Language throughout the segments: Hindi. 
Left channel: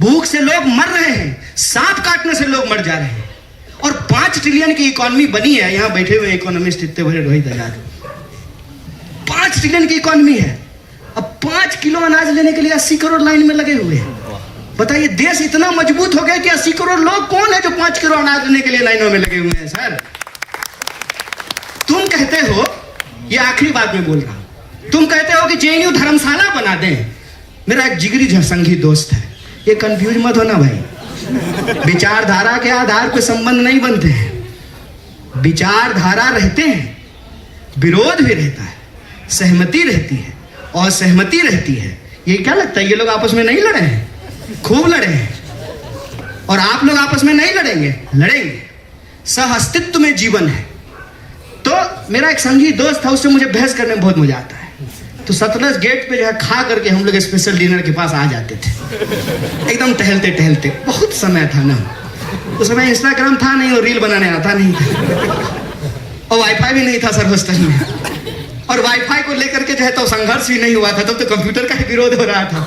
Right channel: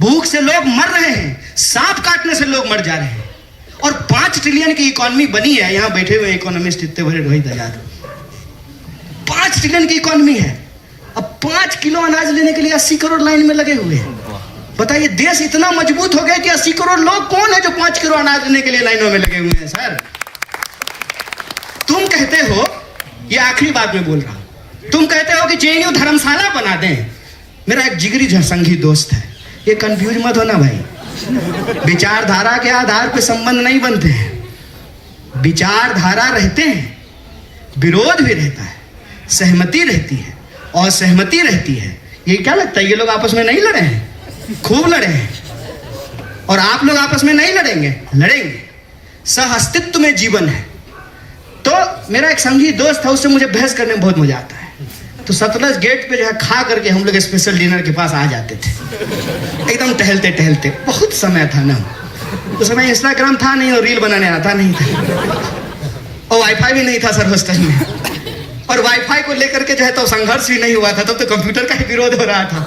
भूख से लोग मर रहे हैं, सांप काटने से लोग मर जा रहे हैं, और 5 ट्रिलियन की इकोनॉमी बनी है। यहां बैठे हुए इकोनॉमिस्ट इतने बड़े रोहित आजाद, 5 ट्रिलियन की इकोनॉमी है। अब 5 किलो अनाज लेने के लिए 80 करोड़ लाइन में लगे हुए हैं। बताइए, देश इतना मजबूत हो गया कि 80 करोड़ लोग कौन है जो 5 किलो अनाज लेने के लिए लाइनों में लगे हुए हैं। सर, तुम कहते हो, ये आखिरी बात में बोल रहा हूं, तुम कहते हो कि जेएनयू धर्मशाला बना दें। मेरा एक जिगरी संघी दोस्त है, ये कंफ्यूज मत होना भाई, विचारधारा के आधार पर संबंध नहीं बनते हैं। विचारधारा रहते हैं, विरोध भी रहता है, सहमति रहती है, और सहमति रहती है। ये क्या लगता है, ये लोग आपस में नहीं लड़े हैं? खूब लड़े हैं। और आप लोग आपस में नहीं लड़ेंगे? लड़ेंगे। सह अस्तित्व में जीवन है। तो मेरा एक संगी दोस्त था, उससे मुझे बहस करने में बहुत मजा आता है। तो सतलज गेट पे जो है खा करके हम लोग स्पेशल डिनर के पास आ जाते थे, एकदम टहलते टहलते। बहुत समय था ना, उस समय इंस्टाग्राम था नहीं और रील बनाने आता नहीं था, और वाईफाई भी नहीं था सर हॉस्टल में। और वाईफाई को लेकर के जो है तो संघर्ष भी नहीं हुआ था, तब तो कंप्यूटर का विरोध हो रहा था।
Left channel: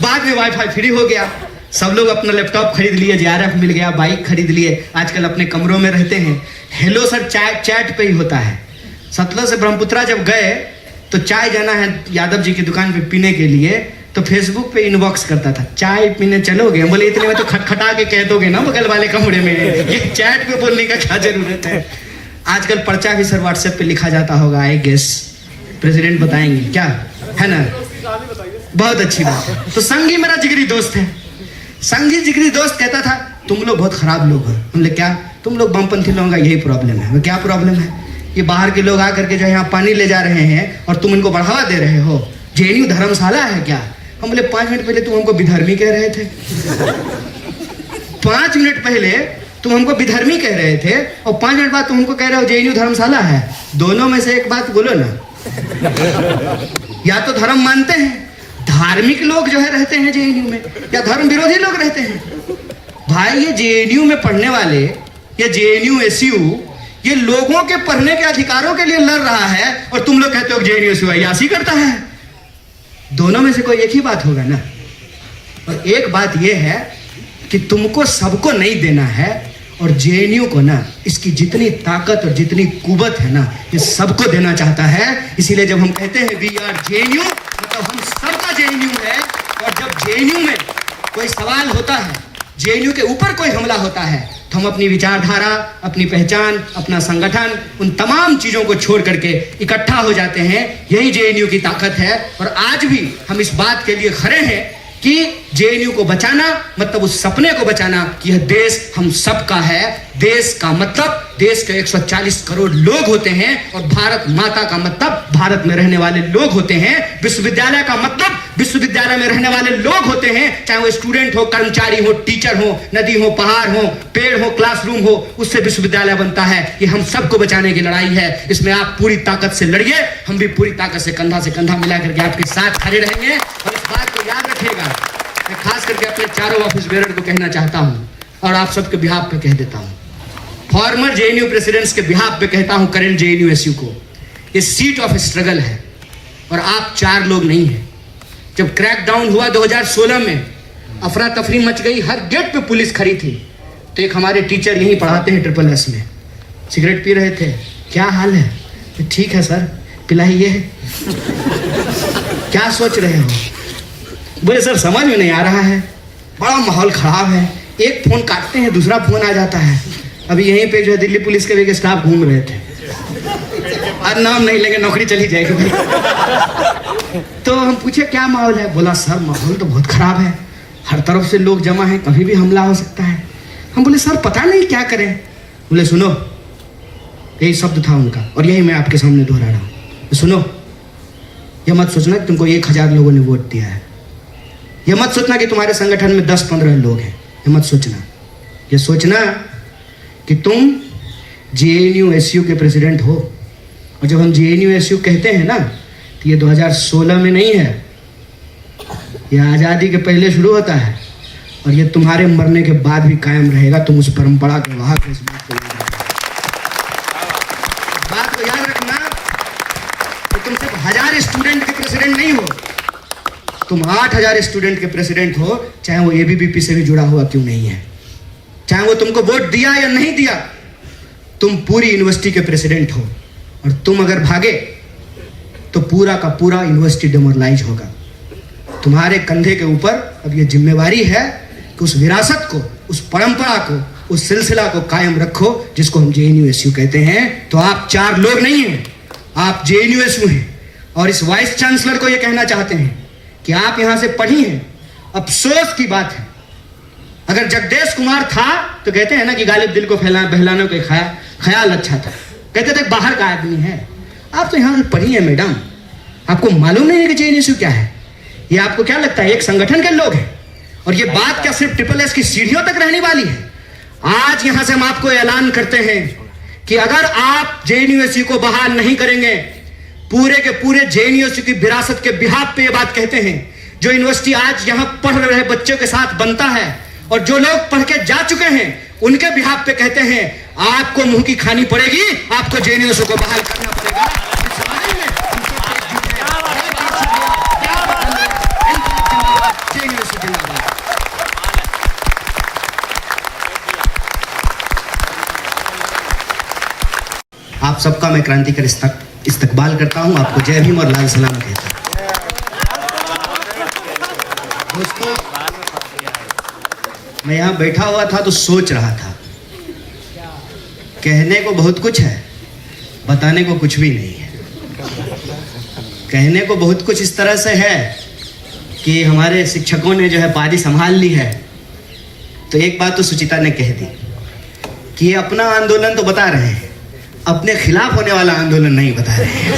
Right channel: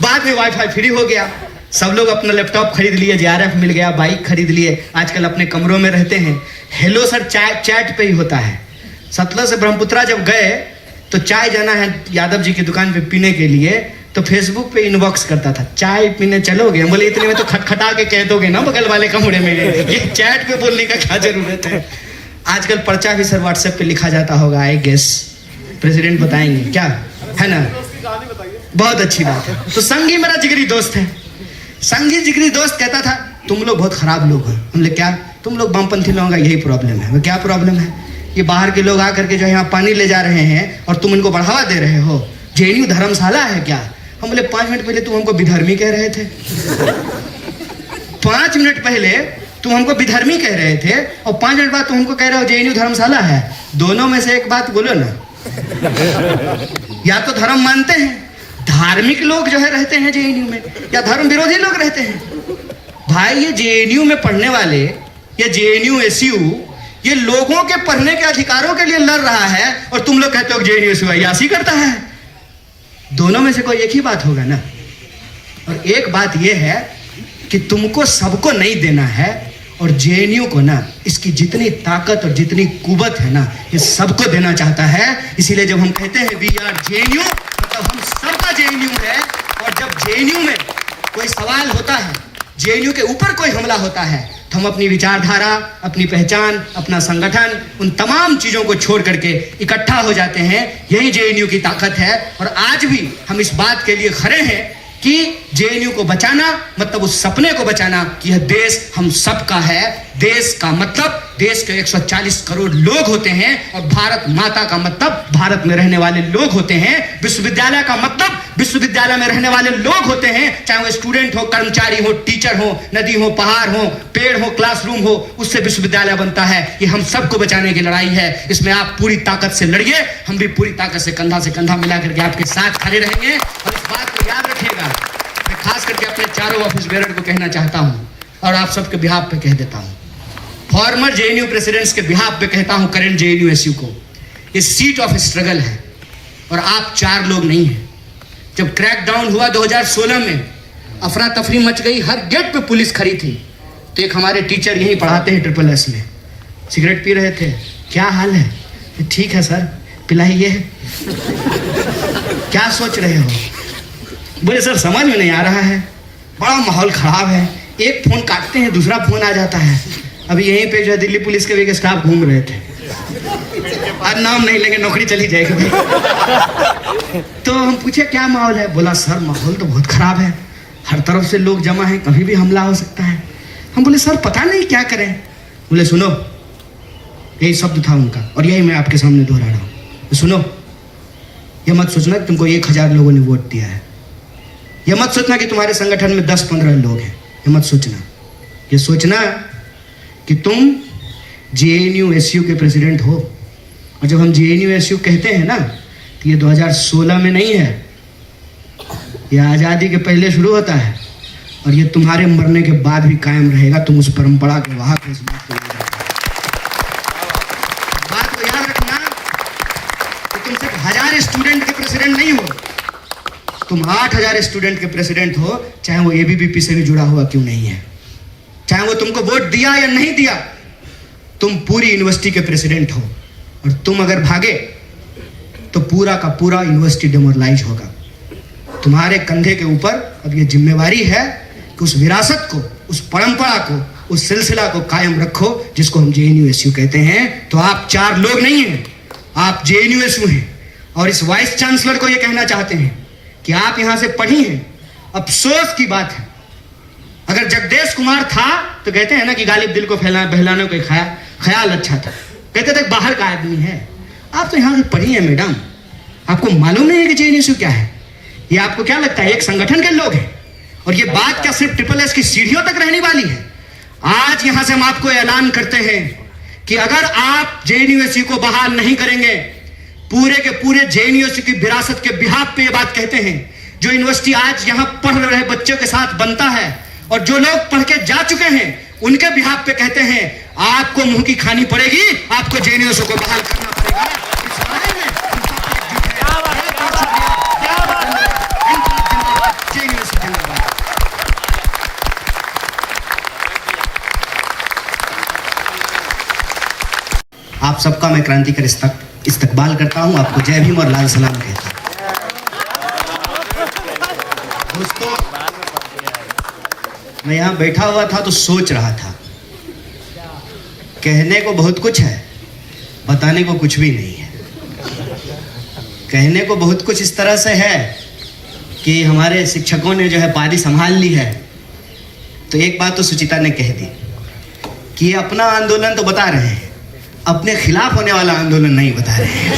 बाद में वाईफाई फ्री हो गया, सब लोग अपना लैपटॉप खरीद लिए, JRF मिल गया, बाइक खरीद लिए, आजकल अपने कमरों में रहते हैं। हेलो सर चैट पे ही होता है। सतलज से ब्रह्मपुत्रा जब गए तो चाय जाना है यादव जी की दुकान पे पीने के लिए, तो फेसबुक पे इनबॉक्स करता था, चाय पीने चलोगे? बोले इतने में तो खटखटा के कह दोगे ना बगल वाले कमरे में, ये चैट पे बोलने का क्या जरूरत है। आजकल पर्चा भी सर व्हाट्सएप पे लिखा जाता होगा, आई गेस प्रेसिडेंट बताएंगे क्या, है ना? बहुत अच्छी बात है। तो संगी मेरा जिगरी दोस्त है। संगी जिगरी दोस्त कहता था तुम लोग बहुत खराब लोग हो। हमने क्या, तुम लोग वामपंथी लोगों का यही प्रॉब्लम है। क्या प्रॉब्लम है? ये बाहर के लोग आकर के जो है यहाँ पानी ले जा रहे हैं और तुम इनको बढ़ावा दे रहे हो। जेएनयू धर्मशाला है क्या? हम बोले 5 मिनट पहले तुम हमको विधर्मी कह रहे थे। 5 मिनट पहले तुम हमको विधर्मी कह रहे थे, और 5 मिनट बाद तुम हमको कह रहे हो जेएनयू धर्मशाला है। दोनों में से एक बात बोलो ना। या तो धर्म मानते हैं, धार्मिक लोग जो है रहते हैं जेएनयू में, या धर्म विरोधी लोग रहते हैं। भाई, ये जेएनयू में पढ़ने वाले, ये जेएनयू एसयू, ये लोगों के पढ़ने के अधिकारों के लिए लड़ रहा है, और तुम लोग कहते हो जेएनयू एसयू अयासी करता है। दोनों में से कोई एक ही बात होगा ना। और एक बात यह है कि तुमको सबको नहीं देना है, और जेएनयू को ना इसकी जितनी ताकत और जितनी कुवत है ना, ये सबको देना चाहता है। इसीलिए जब हम कहते हैं वी आर जेएनयू, मतलब हम सबका जेएनयू है। और जब जेएनयू में कोई सवाल होता है, जेएनयू के ऊपर कोई हमला होता है, तो हम अपनी विचारधारा, अपनी पहचान, अपना संगठन, उन तमाम चीजों को छोड़ करके इकट्ठा हो जाते हैं। यही जेएनयू की ताकत है। और आज भी हम इस बात के लिए खड़े हैं कि जेएनयू को बचाना मतलब उस सपने को बचाना कि यह देश हम सबका है। देश का मतलब देश के 140 करोड़ लोग होते हैं, और भारत माता का मतलब भारत में रहने वाले लोग होते हैं। विश्वविद्यालय का मतलब विश्वविद्यालय में रहने वाले लोग होते हैं, चाहे वो स्टूडेंट हो, कर्मचारी हो, टीचर हो, नदी हो, पहाड़ हो, पेड़ हो, क्लासरूम हो, उससे विश्वविद्यालय बनता है। ये हम सबको बचाने की लड़ाई है। इसमें आप पूरी ताकत से लड़िए, हम भी पूरी ताकत से कंधा मिला करके आपके साथ खड़े रहेंगे। और इस बात को याद रखिएगा, मैं खास करके अपने चारों ऑफिस बेरर को कहना चाहता हूं, और आप सबके बिहाफ पे कह देता हूं, फॉर्मर जेएनयू प्रेसिडेंट्स के बिहाफ पे कहता हूं, करंट जेएनयू एसयू को, ये सीट ऑफ स्ट्रगल है, और आप 4 लोग नहीं हैं। जब क्रैकडाउन हुआ 2016 में, अफरा तफरी मच गई, हर गेट पे पुलिस खड़ी थी, तो एक हमारे टीचर यही पढ़ाते हैं SSS में, सिगरेट पी रहे थे। क्या हाल है? तो ठीक है सर, पिलाइए। क्या सोच रहे हो? बोले सर समझ में नहीं आ रहा है, बड़ा माहौल खराब है, एक फोन काटते हैं दूसरा फोन आ जाता है। अभी यहीं पे जो है दिल्ली पुलिस के भी स्टाफ घूम रहे थे, आज नाम नहीं लेंगे, नौकरी चली जाएगी। तो हम पूछे क्या माहौल है? बोला सर माहौल तो बहुत खराब है, हर तरफ से लोग जमा है, कभी भी हमला हो सकता है। हम बोले सर पता नहीं क्या करें। बोले सुनो, यही शब्द था उनका, और यही मैं आपके सामने दोहरा रहा हूं। तो सुनो, ये मत सोचना कि तुमको 1000 लोगों ने वोट दिया है, ये मत सोचना कि तुम्हारे संगठन में 10-15 लोग हैं, ये मत सोचना। ये सोचना कि तुम जेएनयू एसयू के प्रेसिडेंट हो। और जब हम जेएनयू एसयू कहते हैं ना, तो ये 2016 में नहीं है, ये आज़ादी के पहले शुरू होता है, और ये तुम्हारे मरने के बाद भी कायम रहेगा। तुम उस परंपरा के वाहक इस बात को याद रखना कि तुम सिर्फ 1000 स्टूडेंट के प्रेसिडेंट नहीं हो, तुम 8,000 स्टूडेंट के प्रेसिडेंट हो, चाहे वो एबीवीपी से भी जुड़ा हुआ क्यों नहीं है, चाहे वो तुमको वोट दिया या नहीं दिया, तुम पूरी यूनिवर्सिटी के प्रेसिडेंट हो। और तुम अगर भागे तो पूरा का पूरा यूनिवर्सिटी डिमोरलाइज होगा। तुम्हारे कंधे के ऊपर अब ये जिम्मेवारी है कि उस विरासत को, उस परंपरा को, उस सिलसिला को कायम रखो जिसको हम जेएनयूएसयू कहते हैं। तो आप 4 लोग नहीं हैं, आप जेएनयूएसयू हैं। और इस वाइस चांसलर को ये कहना चाहते हैं कि आप यहां से पढ़ी हैं। अफसोस की बात है, अगर जगदेश कुमार था तो कहते हैं ना कि गालिब दिल को बहलाने को ख्याल अच्छा था, कहते थे बाहर का आदमी है। आप तो यहां से पढ़ी है मैडम, आपको मालूम नहीं है कि जेएनयूएसयू क्या है? ये आपको क्या लगता है एक संगठन के लोग हैं? और ये बात क्या सिर्फ SSS की सीढ़ियों तक रहने वाली है? आज यहां से हम आपको ऐलान करते हैं कि अगर आप जेएनयूएसयू को बहाल नहीं करेंगे, पूरे के पूरे जेएनयूएसयू की विरासत के बिहाफ पे ये बात कहते हैं। जो यूनिवर्सिटी आज यहां पढ़ रहे बच्चों के साथ बनता है और जो लोग पढ़ के जा चुके हैं उनके बिहाफ पे कहते हैं, आपको मुंह की खानी पड़ेगी, आपको जेएनयूएसयू को बहाल करना पड़ेगा। आप सबका मैं क्रांतिकारी इस्तकबाल करता हूं, आपको जय भीम और लाल सलाम कहता हूं। दोस्तों, मैं यहां बैठा हुआ था तो सोच रहा था, कहने को बहुत कुछ है, बताने को कुछ भी नहीं है। कहने को बहुत कुछ इस तरह से है कि हमारे शिक्षकों ने जो है पारी संभाल ली है। तो एक बात तो सुचिता ने कह दी कि ये अपना आंदोलन तो बता रहे हैं, अपने खिलाफ होने वाला आंदोलन नहीं बता रहे हैं।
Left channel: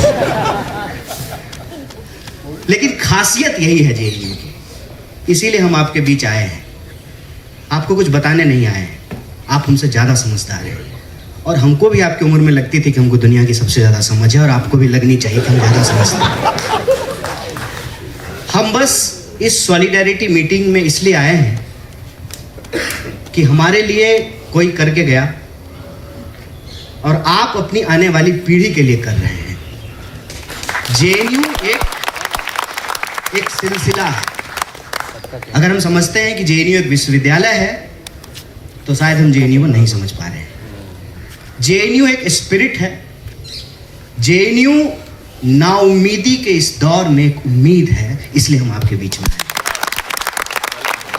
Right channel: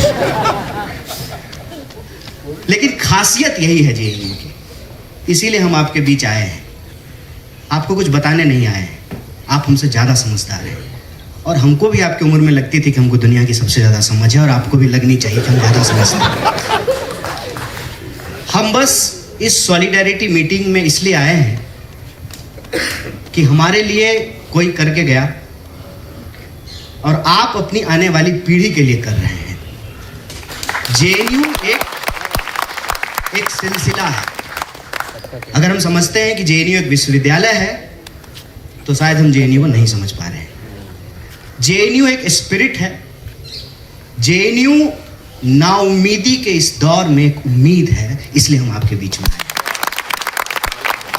लेकिन खासियत यही है जेएनयू की, इसीलिए हम आपके बीच आए हैं। आपको कुछ बताने नहीं आए हैं, आप हमसे ज्यादा समझदार हैं। और हमको भी आपकी उम्र में लगती थी कि हमको दुनिया की सबसे ज्यादा समझ है, और आपको भी लगनी चाहिए कि हम ज्यादा समझते हैं। हम बस इस सॉलिडेरिटी मीटिंग में इसलिए आए हैं कि हमारे लिए कोई करके गया और आप अपनी आने वाली पीढ़ी के लिए कर रहे हैं। जेएनयू एक सिलसिला है। अगर हम समझते हैं कि जेएनयू एक विश्वविद्यालय है तो शायद हम जेएनयू को नहीं समझ पा रहे हैं। जेएनयू एक स्पिरिट है। जेएनयू नाउम्मीदी के इस दौर में एक उम्मीद है, इसलिए हम आपके बीच में आए।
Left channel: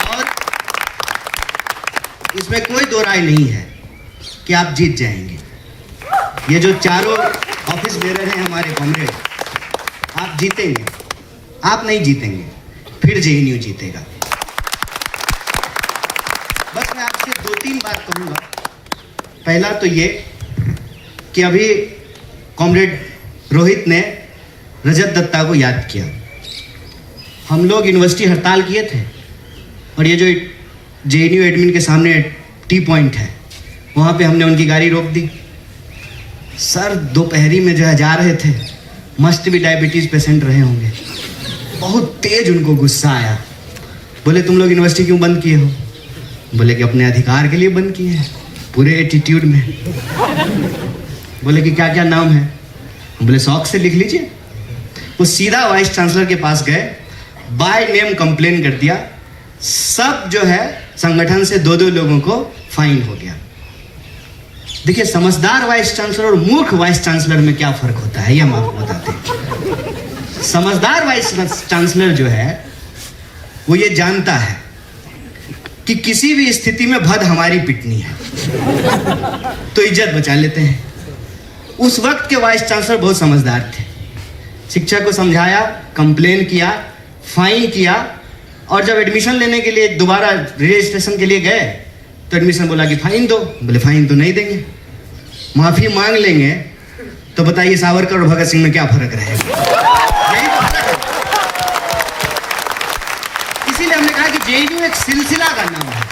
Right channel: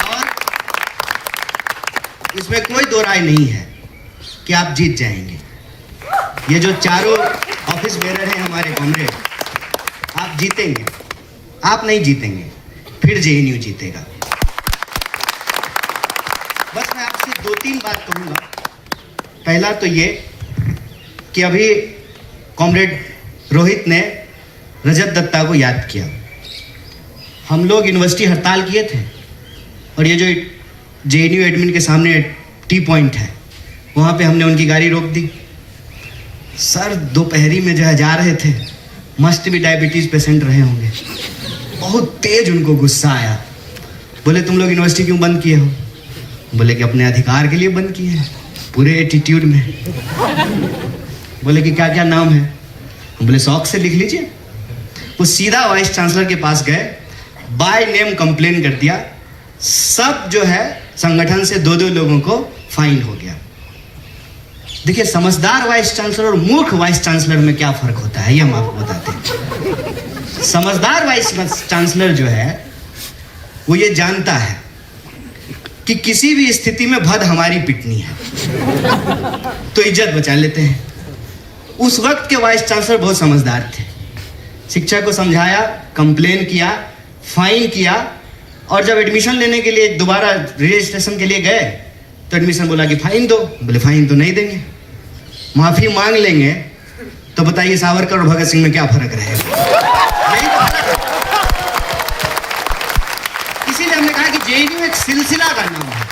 और इसमें कोई दो राय नहीं है कि आप जीत जाएंगे। ये जो चारों ऑफिस बेरर हैं हमारे कॉमरेड, आप जीतेंगे। आप नहीं जीतेंगे, फिर जेएनयू जीतेगा। बस मैं आपसे 2-3 बात कहूंगा। पहला तो ये कि अभी कॉमरेड रोहित ने रजत दत्ता को याद किया। हम लोग यूनिवर्सिटी हड़ताल किए थे और ये जो जेएनयू एडमिन के सामने टी पॉइंट है वहां पे हमने उनकी गाड़ी रोक दी। सर दोपहरी में जो जा रहे थे, मस्ट भी डायबिटीज पेशेंट रहे होंगे। बहुत तेज उनको गुस्सा आया। बोले तुम लोग यूनिवर्सिटी क्यों बंद किए हो? बोले कि अपने अधिकार के लिए बंद किए हैं, पूरे एटीट्यूड में। बोले कि क्या क्या नाम है? बोले शौक से लिख लीजिए। वो सीधा वाइस चांसलर के पास गए, बाय नेम कंप्लेन कर दिया। सब जो है संगठन से 2-2 लोगों को फाइन हो गया। देखिए, समझदार वाइस चांसलर और मूर्ख वाइस चांसलर में क्या फर्क होता है ये हम आपको बताते हैं। समझदार वाइस चांसलर जो है वो ये जानता है कि किसी भी स्थिति में भद हमारी पिटनी है तो इज्जत बचा लेते हैं। उस वक्त के वाइस चांसलर बहुत समझदार थे। शिक्षक को समझाया, कंप्लेन किया, फाइन किया, और जब एडमिशन लेने के लिए दोबारा रजिस्ट्रेशन के लिए गए तो एडमिशन बोला कि फाइन दो। बोले फाइन तो नहीं देंगे, माफी मांग लेंगे। तो बताइए सावरकर और भगत सिंह में क्या फर्क रहेगा? इसीलिए हमने कहा कि जेएनयू एक सिलसिला का नाम है।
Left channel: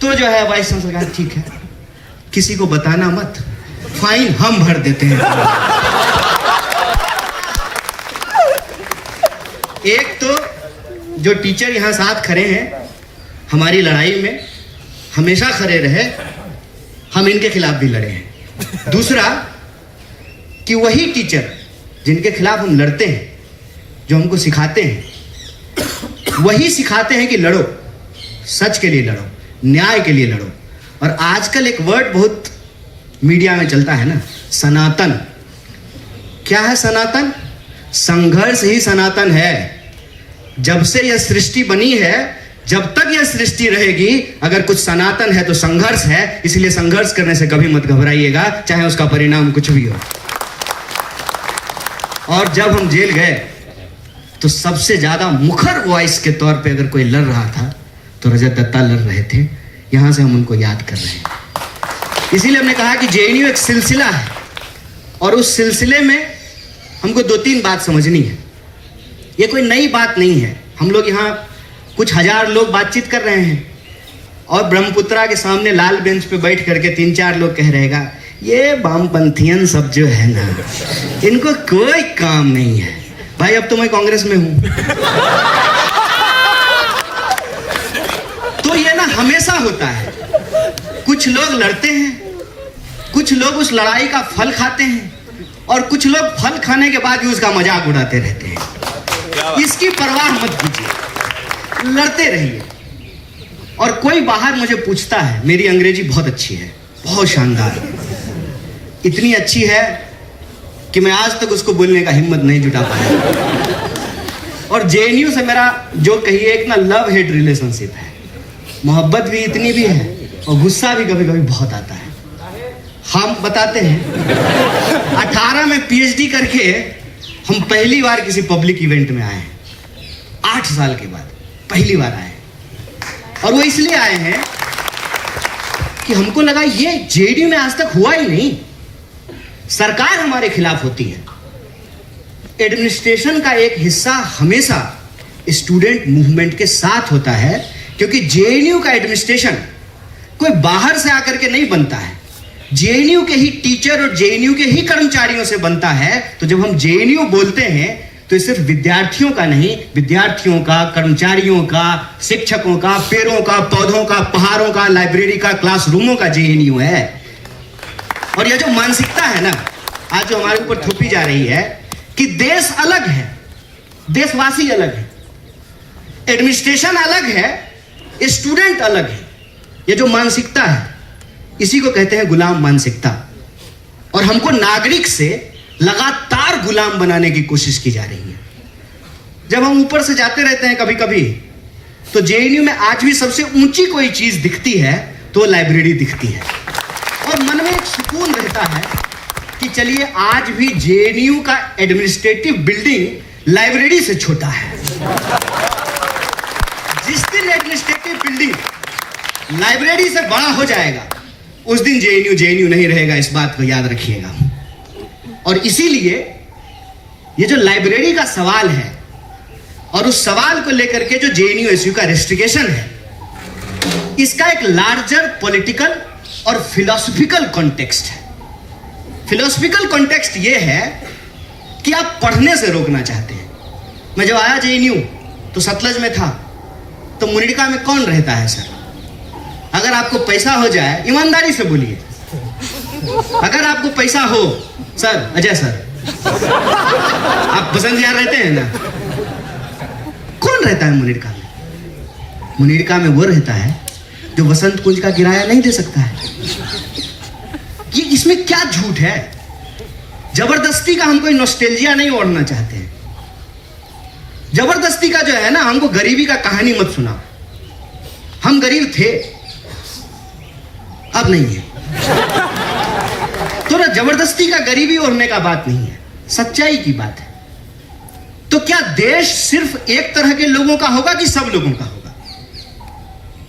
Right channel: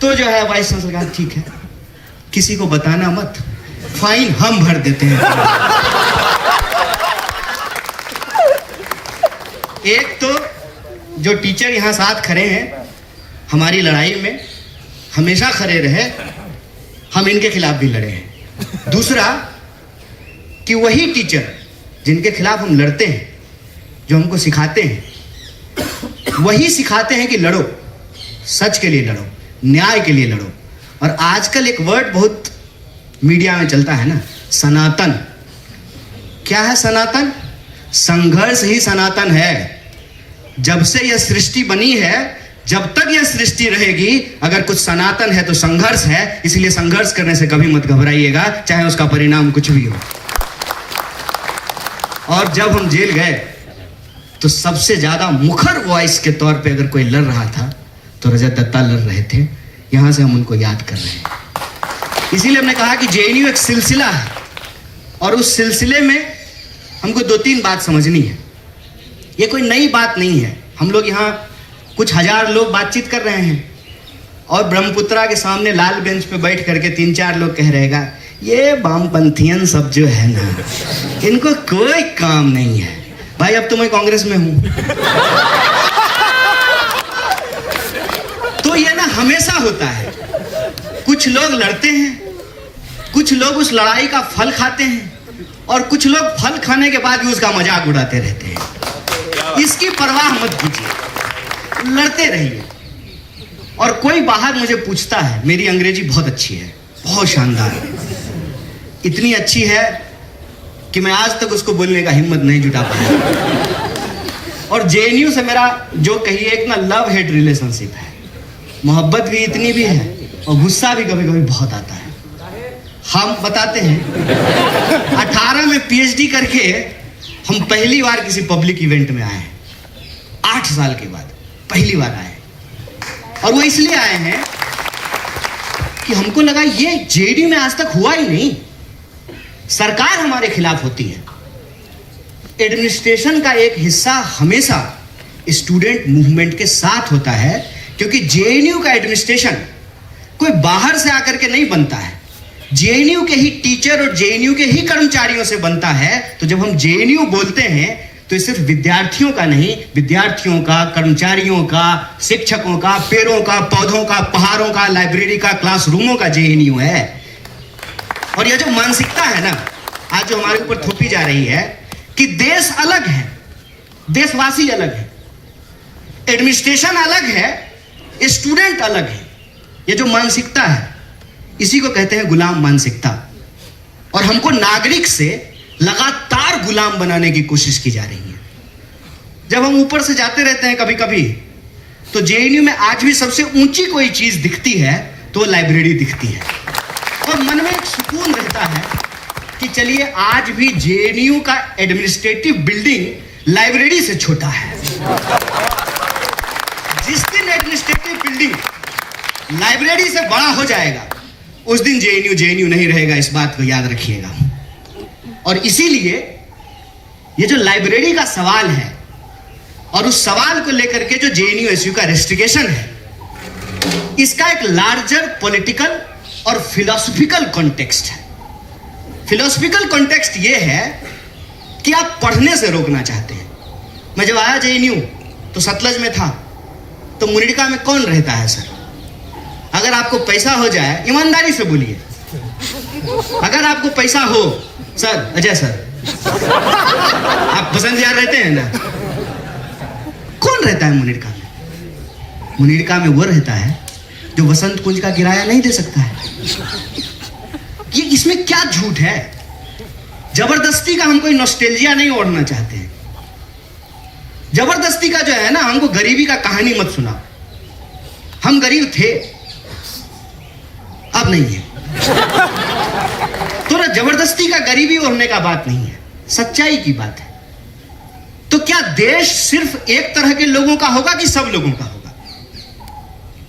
तो जो है वाइस चांसलर कहा ठीक है, किसी को बताना मत, फाइन हम भर देते हैं। एक तो जो टीचर यहां साथ खड़े हैं हमारी लड़ाई में हमेशा खड़े रहे, हम इनके खिलाफ भी लड़े हैं। दूसरा कि वही टीचर जिनके खिलाफ हम लड़ते हैं, जो हमको सिखाते हैं वही सिखाते हैं कि लड़ो, सच के लिए लड़ो, न्याय के लिए लड़ो। और आजकल एक वर्ड बहुत मीडिया में चलता है ना, सनातन। क्या है सनातन? संघर्ष ही सनातन है। जब से यह सृष्टि बनी है, जब तक यह सृष्टि रहेगी, अगर कुछ सनातन है तो संघर्ष है। इसलिए संघर्ष करने से कभी मत घबराइएगा, चाहे उसका परिणाम कुछ भी हो। और जब हम जेल गए तो सबसे ज्यादा मुखर वॉइस के तौर पे अगर कोई लड़ रहा था तो रजत दत्ता लड़ रहे थे। यहां से हम उनको याद कर रहे हैं। इसीलिए हमने कहा कि जेएनयू एक सिलसिला है और उस सिलसिले में हमको 2-3 बात समझनी है। ये कोई नई बात नहीं है। हम लोग यहाँ कुछ हजार लोग बातचीत कर रहे हैं और ब्रह्मपुत्रा के सामने लाल बेंच पे बैठ करके 3-4 लोग कह रहेगा, ये वामपंथियन सब जो है ना, इनको कोई काम नहीं है। भाई अब तो मैं कांग्रेस में हूं। तो ये ना हमेशा होता है। कुछ लोग लड़ते हैं, कुछ लोग उस लड़ाई का फल खाते हैं और कुछ लोग फल खाने के बाद भी उसका मजाक उड़ाते रहते हैं। इसकी परवाह मत कीजिए, लड़ते रहिए। और कोई बाहर मुझे पूछता है, मेरी अंग्रेजी बहुत अच्छी है, बहुत शानदार है, इतनी अच्छी है कि मैं आज तक उसको बोलने का हिम्मत नहीं जुटा पाया। और जेएनयू से मेरा जो कहिए एक ना लव हेट रिलेशनशिप है। मोहब्बत भी इतनी भी है और गुस्सा भी कभी कभी बहुत आता है। हम बताते हैं 18 में पीएचडी करके हम पहली बार किसी पब्लिक इवेंट में आए। 8 साल के बाद पहली बार आए। और वो इसलिए आए हैं कि हमको लगा ये जेडीयू में आज तक हुआ ही नहीं। सरकार हमारे खिलाफ होती है। एडमिनिस्ट्रेशन का एक हिस्सा हमेशा स्टूडेंट मूवमेंट के साथ होता है, क्योंकि जेएनयू का एडमिनिस्ट्रेशन कोई बाहर से आकर के नहीं बनता है। जेएनयू के ही टीचर और जेएनयू के ही कर्मचारियों से बनता है। तो जब हम जेएनयू बोलते हैं तो ये सिर्फ विद्यार्थियों का नहीं, विद्यार्थियों का, कर्मचारियों का, शिक्षकों का, पेड़ों का, पौधों का, पहाड़ों का, लाइब्रेरी का, क्लासरूमों का जेएनयू है। और ये जो मानसिकता है ना, आज जो हमारे ऊपर थोपी जा रही है कि देश अलग है, देशवासी अलग है, एडमिनिस्ट्रेशन अलग है, स्टूडेंट अलग है, ये जो मानसिकता है इसी को कहते हैं गुलाम मानसिकता। और हमको नागरिक से लगातार गुलाम बनाने की कोशिश की जा रही है। जब हम ऊपर से जाते रहते हैं कभी कभी, तो जेएनयू में आज भी सबसे ऊंची कोई चीज दिखती है तो लाइब्रेरी दिखती है। और मन में एक सुकून रहता है कि चलिए आज भी जेएनयू का एडमिनिस्ट्रेटिव बिल्डिंग लाइब्रेरी से छोटा है। जिस दिन एडमिनिस्ट्रेटिव बिल्डिंग लाइब्रेरी से बड़ा हो जाएगा उस दिन जेएनयू नहीं रहेगा। इस बात को याद रखिएगा। और इसीलिए ये जो लाइब्रेरी का सवाल है और उस सवाल को लेकर के जो जेएनयू एसयू का रेस्ट्रिक्शन है, इसका एक लार्जर पॉलिटिकल और फिलोसॉफिकल कॉन्टेक्स्ट है। फिलोसॉफिकल कॉन्टेक्स्ट ये है कि आप पढ़ने से रोकना चाहते हैं। मैं जब आया जेएनयू तो सतलज में था, तो मुनिड़का में कौन रहता है सर? अगर आपको पैसा हो जाए, ईमानदारी से बोलिए, अगर आपको पैसा हो, सर अजय सर आप बसंतिया रहते हैं ना, कौन रहता है मुनिड़का में? मुनिड़का में वो रहता है जो वसंत कुंज का किराया नहीं दे सकता है। ये इसमें क्या झूठ है? जबरदस्ती का हम कोई नॉस्टैल्जिया नहीं ओढ़ना चाहते हैं। जबरदस्ती का जो है ना, हमको गरीबी का कहानी मत सुनाओ। हम गरीब थे, अब नहीं है। तो ना जबरदस्ती का गरीबी ओढ़ने का बात नहीं है, सच्चाई की बात है। तो क्या देश सिर्फ एक तरह के लोगों का होगा कि सब लोगों का होगा?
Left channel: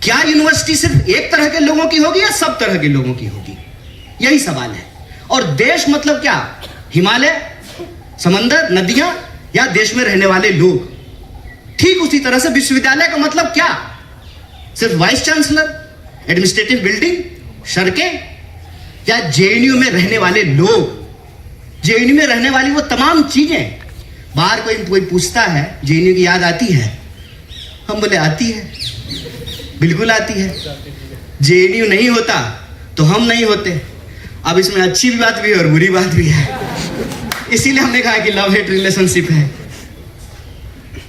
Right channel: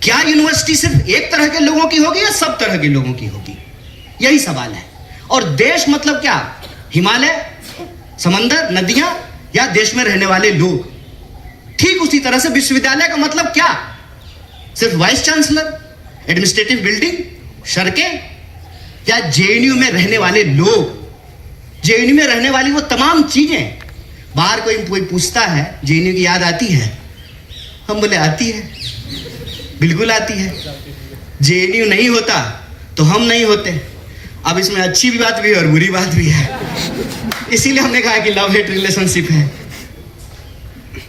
क्या यूनिवर्सिटी सिर्फ एक तरह के लोगों की होगी या सब तरह के लोगों की होगी? यही सवाल है। और देश मतलब क्या? हिमालय, समंदर, नदियां, या देश में रहने वाले लोग? ठीक उसी तरह से विश्वविद्यालय का मतलब क्या? सिर्फ वाइस चांसलर, एडमिनिस्ट्रेटिव बिल्डिंग, सड़कें, या जेएनयू में रहने वाले लोग? जेएनयू में रहने वाली वो तमाम चीजें। बाहर कोई पूछता है जेएनयू की याद आती है? हम बोले आती है, बिल्कुल आती है। जेएनयू नहीं होता तो हम नहीं होते। अब इसमें अच्छी भी बात भी है और बुरी बात भी है। इसीलिए हमने कहा कि लव हेट रिलेशनशिप है।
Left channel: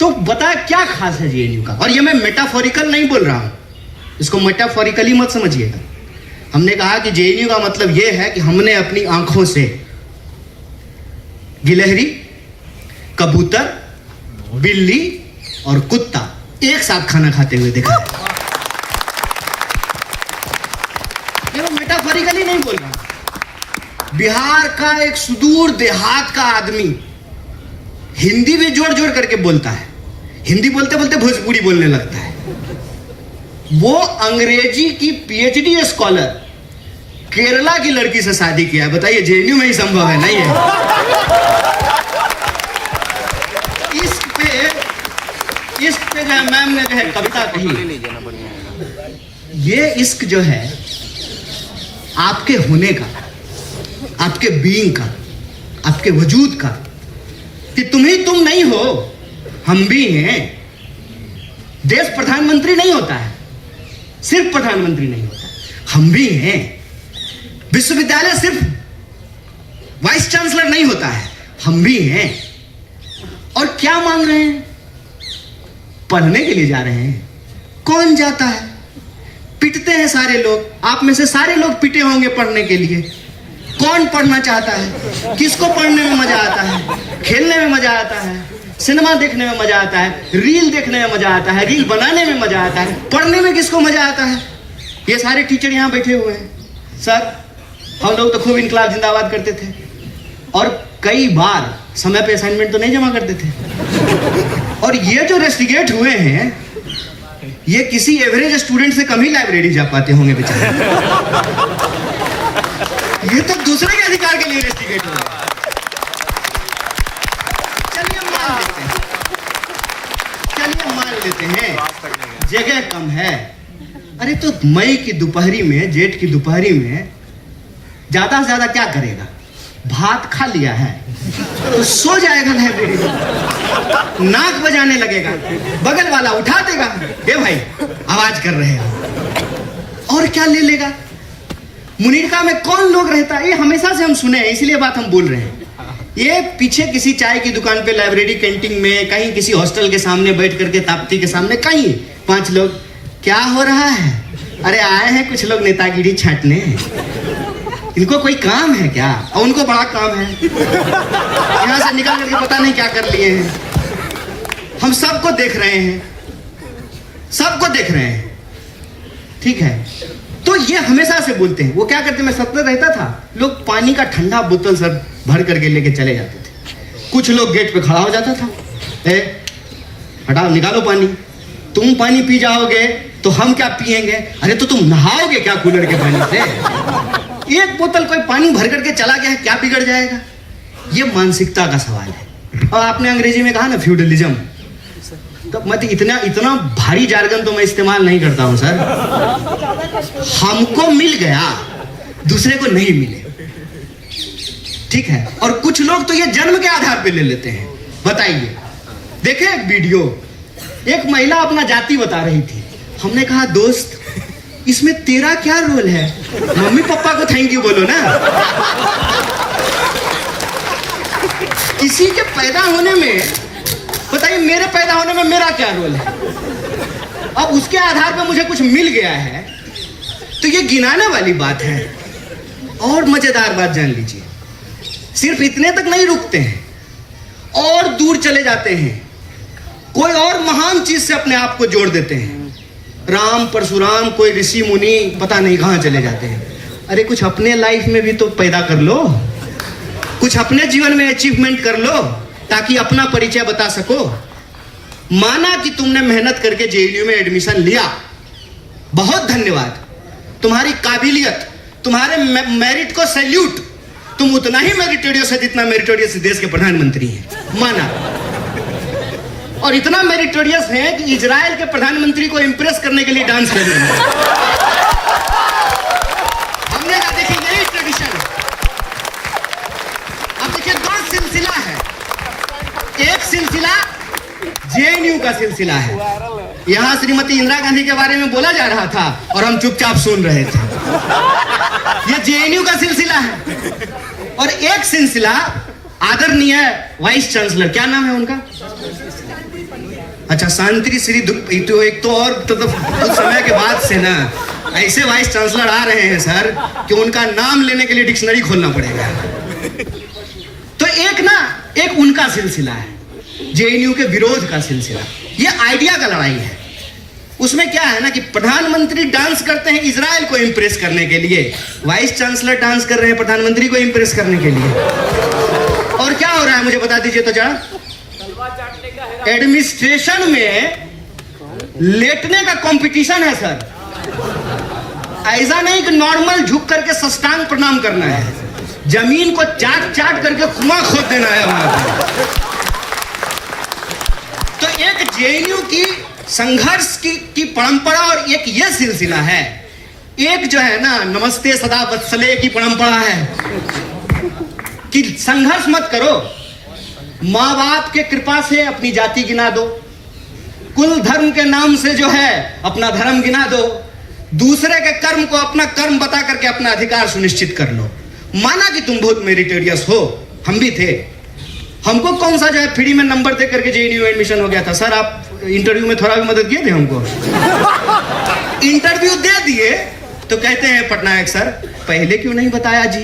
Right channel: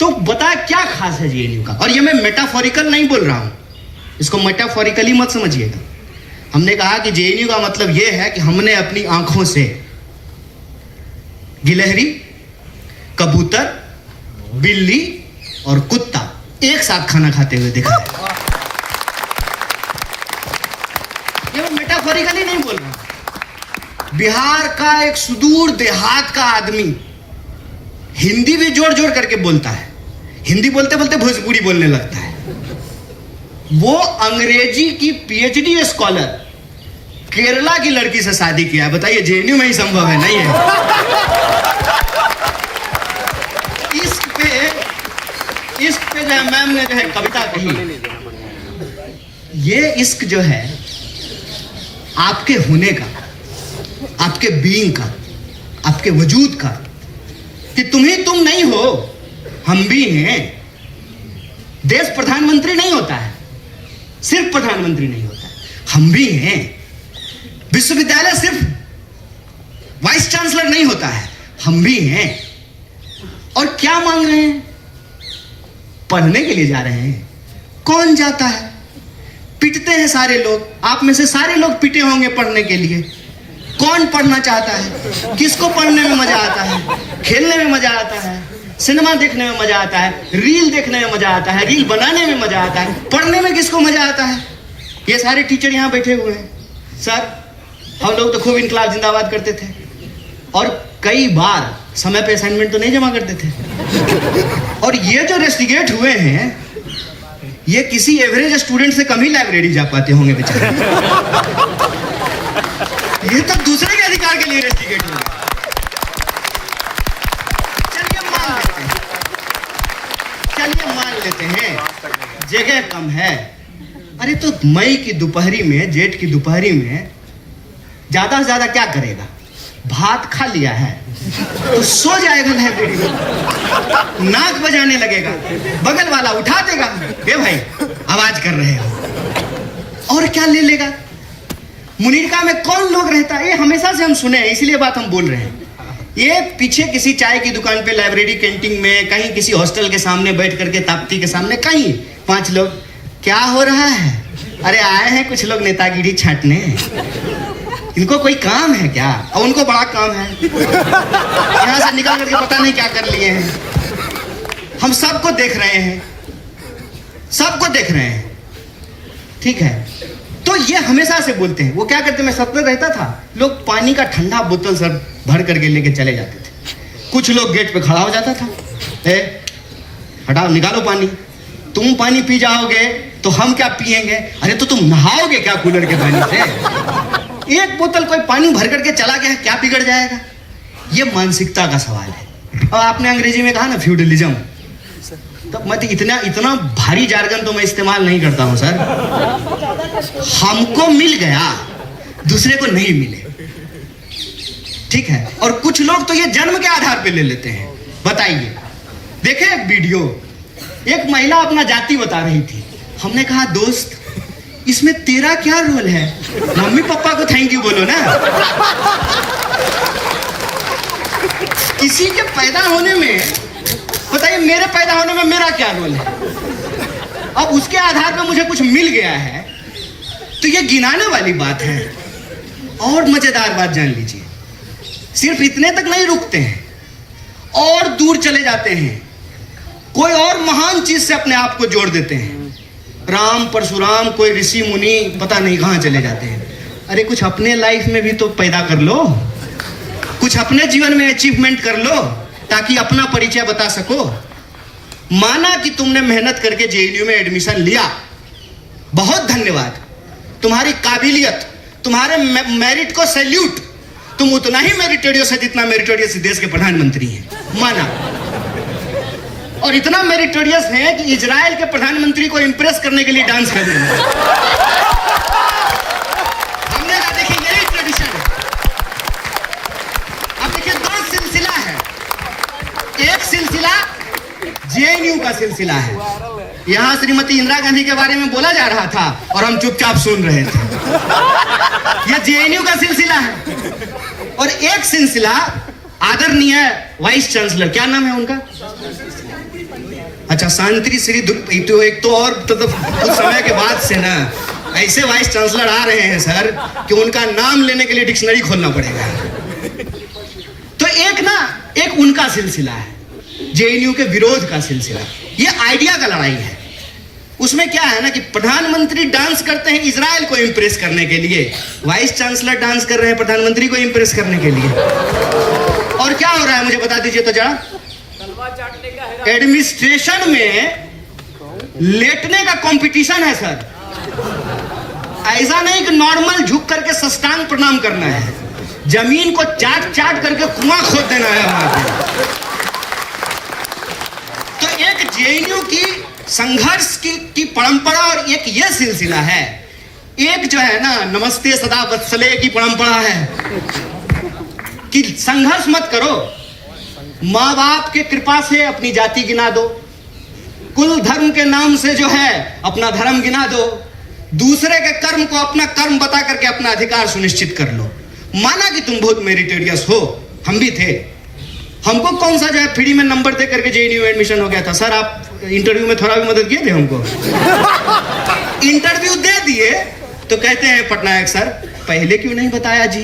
तो बता क्या खास है जेएनयू का। और ये मैं मेटाफोरिकल नहीं बोल रहा हूं, इसको मेटाफोरिकली मत समझिएगा। हमने कहा कि जेएनयू का मतलब यह है कि हमने अपनी आंखों से गिलहरी, कबूतर, बिल्ली और कुत्ता एक साथ खाना खाते हुए देखा। ये मैं मेटाफोरिकली नहीं बोल रहा। बिहार का एक सुदूर देहात का आदमी हिंदी भी जोड़ जोड़ करके बोलता है, हिंदी बोलते बोलते भोजपुरी बोलने लगता है। वो अंग्रेजी की पीएचडी स्कॉलर केरला की लड़की से शादी किया। बताइए जेएनयू में ही संभव है? नहीं है। इश्क पे जो है मैम ने जो है कविता कही, ये इश्क जो है आपके होने का, आपके बीइंग का, आपके वजूद का, कि तुम ही तुम नहीं हो, हम भी हैं। देश प्रधानमंत्री नहीं होता है, सिर्फ प्रधानमंत्री नहीं होता, हम भी हैं। विश्वविद्यालय सिर्फ वाइस चांसलर नहीं होता है, हम भी हैं। और क्या मांग रहे हैं? पढ़ने के लिए जा रहे हैं। कौन जाता है? पिटते हैं सारे लोग, आप में से सारे लोग पिटे होंगे पढ़ने के लिए। कौन पढ़ना चाहता है? किसको पढ़ने में मजा आता है? खेलने में मजा आता है, सिनेमा देखने में मजा आता है, रील देखने में मजा आता है, रील बनाने में मजा आता है, पढ़ने में किसको मजा आता है? ये सारे टीचर यहाँ बैठे हुए हैं। सर, हम लोग तो खूब इनकलाब जिंदाबाद करते थे और कई बार समय पे असाइनमेंट तो नहीं जमा करते थे। और ये जो रेस्टिगेट हुए हैं, ये किसी एवरेज स्टूडेंट से कम ही लाइब्रेरी जा पाते होंगे बेचारे। ये तो दूसरे के अधिकार के लिए रेस्टिगेट हुए। चलिए मान लेते हैं जगह कम है। अरे तो मई की दोपहरी में, जेठ की दोपहरी में ज्यादा से ज्यादा क्या करेगा? भात खा लिया है तो सो जाएगा लाइब्रेरी में, नाक बजाने लगेगा, बगल वाला उठा देगा, ए भाई आवाज कर रहे हो, और क्या ले लेगा? मुनीरका में कौन लोग रहता है? ये हमेशा से हम सुने हैं, इसीलिए बात हम बोल रहे हैं। ये पीछे किसी चाय की दुकान पे, लाइब्रेरी कैंटीन में, कहीं किसी हॉस्टल के सामने बैठ करके, ताप्ती के सामने, कहीं 5 लोग, क्या हो रहा है? अरे आए हैं कुछ लोग नेतागिरी छांटने, इनको कोई काम है क्या? और उनको बड़ा काम है, यहां से निकल करके पता नहीं क्या कर लिए हैं। हम सबको देख रहे हैं, सबको देख रहे हैं, ठीक है? तो ये हमेशा से बोलते हैं। वो क्या करते, मैं सत्तर रहता था, लोग पानी का ठंडा बोतल सब भर करके लेके चले जाते थे। कुछ लोग गेट पे खड़ा हो जाता था, हटाओ निकालो पानी, तुम पानी पी जाओगे तो हम क्या पिएंगे? अरे तो तुम नहाओगे क्या कूलर के पानी से? एक बोतल कोई पानी भर करके चला गया, क्या बिगड़ जाएगा? ये मानसिकता का सवाल है। और आपने अंग्रेजी में कहा ना फ्यूडलिज्म, तो मत इतना भारी जार्गन तो मैं इस्तेमाल नहीं करता हूं सर। हमको मिल गया, दूसरे को नहीं मिले, ठीक है? और कुछ लोग तो ये जन्म के आधार पे ले लेते हैं। बताइए, देखे एक वीडियो, एक महिला अपना जाति बता रही थी। हमने कहा दोस्त इसमें तेरा क्या रोल है? मम्मी पापा को थैंक यू बोलो ना। किसी के पैदा होने में, बताइए मेरे पैदा होने में मेरा क्या रोल है? अब उसके आधार पर मुझे कुछ मिल गया है तो ये गिनाने वाली बात है। और मजेदार बात जान लीजिए, सिर्फ इतने तक नहीं रुकते हैं, और दूर चले जाते हैं, कोई और महान चीज से अपने आप को जोड़ देते हैं। राम परशुराम, कोई ऋषि मुनि, पता नहीं कहां चले जाते हैं। अरे कुछ अपने लाइफ में भी तो पैदा कर लो, कुछ अपने जीवन में अचीवमेंट कर लो, ताकि अपना परिचय बता सको। माना कि तुमने मेहनत करके जेएनयू में एडमिशन लिया, बहुत धन्यवाद, तुम्हारी काबिलियत, तुम्हारे मेरिट को सैल्यूट। तुम उतना ही मेरिटोरियस है जितना मेरिटोरियस देश के प्रधानमंत्री हैं, माना। और इतना मेरिटोरियस है कि इजराइल के प्रधानमंत्री को इंप्रेस करने के लिए डांस कर रहे हैं। हमने कहा देखिए यही ट्रेडिशन। अब देखिए 2 सिलसिला है, एक सिलसिला जेएनयू का सिलसिला है। यहां श्रीमती इंदिरा गांधी के बारे में बोला जा रहा था और हम चुपचाप सुन रहे थे। यह जेएनयू का सिलसिला है। और एक सिलसिला आदरणीय वाइस चांसलर, क्या नाम है उनका? अच्छा, शांति श्री तो एक तो और तो कुछ समय के बाद से ना ऐसे वाइस चांसलर आ रहे हैं सर कि उनका नाम लेने के लिए डिक्शनरी खोलना पड़ेगा। तो एक उनका सिलसिला है, जेएनयू के विरोध का सिलसिला, ये आइडिया का लड़ाई है। उसमें क्या है ना कि प्रधानमंत्री डांस करते हैं इजराइल को इंप्रेस करने के लिए, वाइस चांसलर डांस कर रहे हैं प्रधानमंत्री को इंप्रेस करने के लिए। और क्या हो रहा है मुझे बता दीजिए तो जरा। एडमिनिस्ट्रेशन में लेटने का कंपटीशन है सर, ऐसा नहीं कि नॉर्मल झुक करके साष्टांग प्रणाम करना है, जमीन को चाट चाट करके कुआं खोद देना है वहां पर। तो एक जेएनयू की संघर्ष की परंपरा और एक ये सिलसिला है, एक जो है ना नमस्ते सदा वत्सले की परंपरा है कि संघर्ष मत करो, माँ बाप के कृपा से अपनी जाति गिना दो, कुल धर्म के नाम से जो है अपना धर्म गिना दो, दूसरे के कर्म को अपना कर्म बता करके अपना अधिकार सुनिश्चित कर लो। माना कि तुम बहुत मेरिटोरियस हो, हम भी थे, हमको कौन सा जो है फ्री में नंबर दे करके जेएनयू एडमिशन हो गया था। सर आप इंटरव्यू में थोड़ा भी मदद किए थे हमको। इंटरव्यू दे दिए तो कहते हैं पटनायक सर पहले क्यों नहीं बताया जी।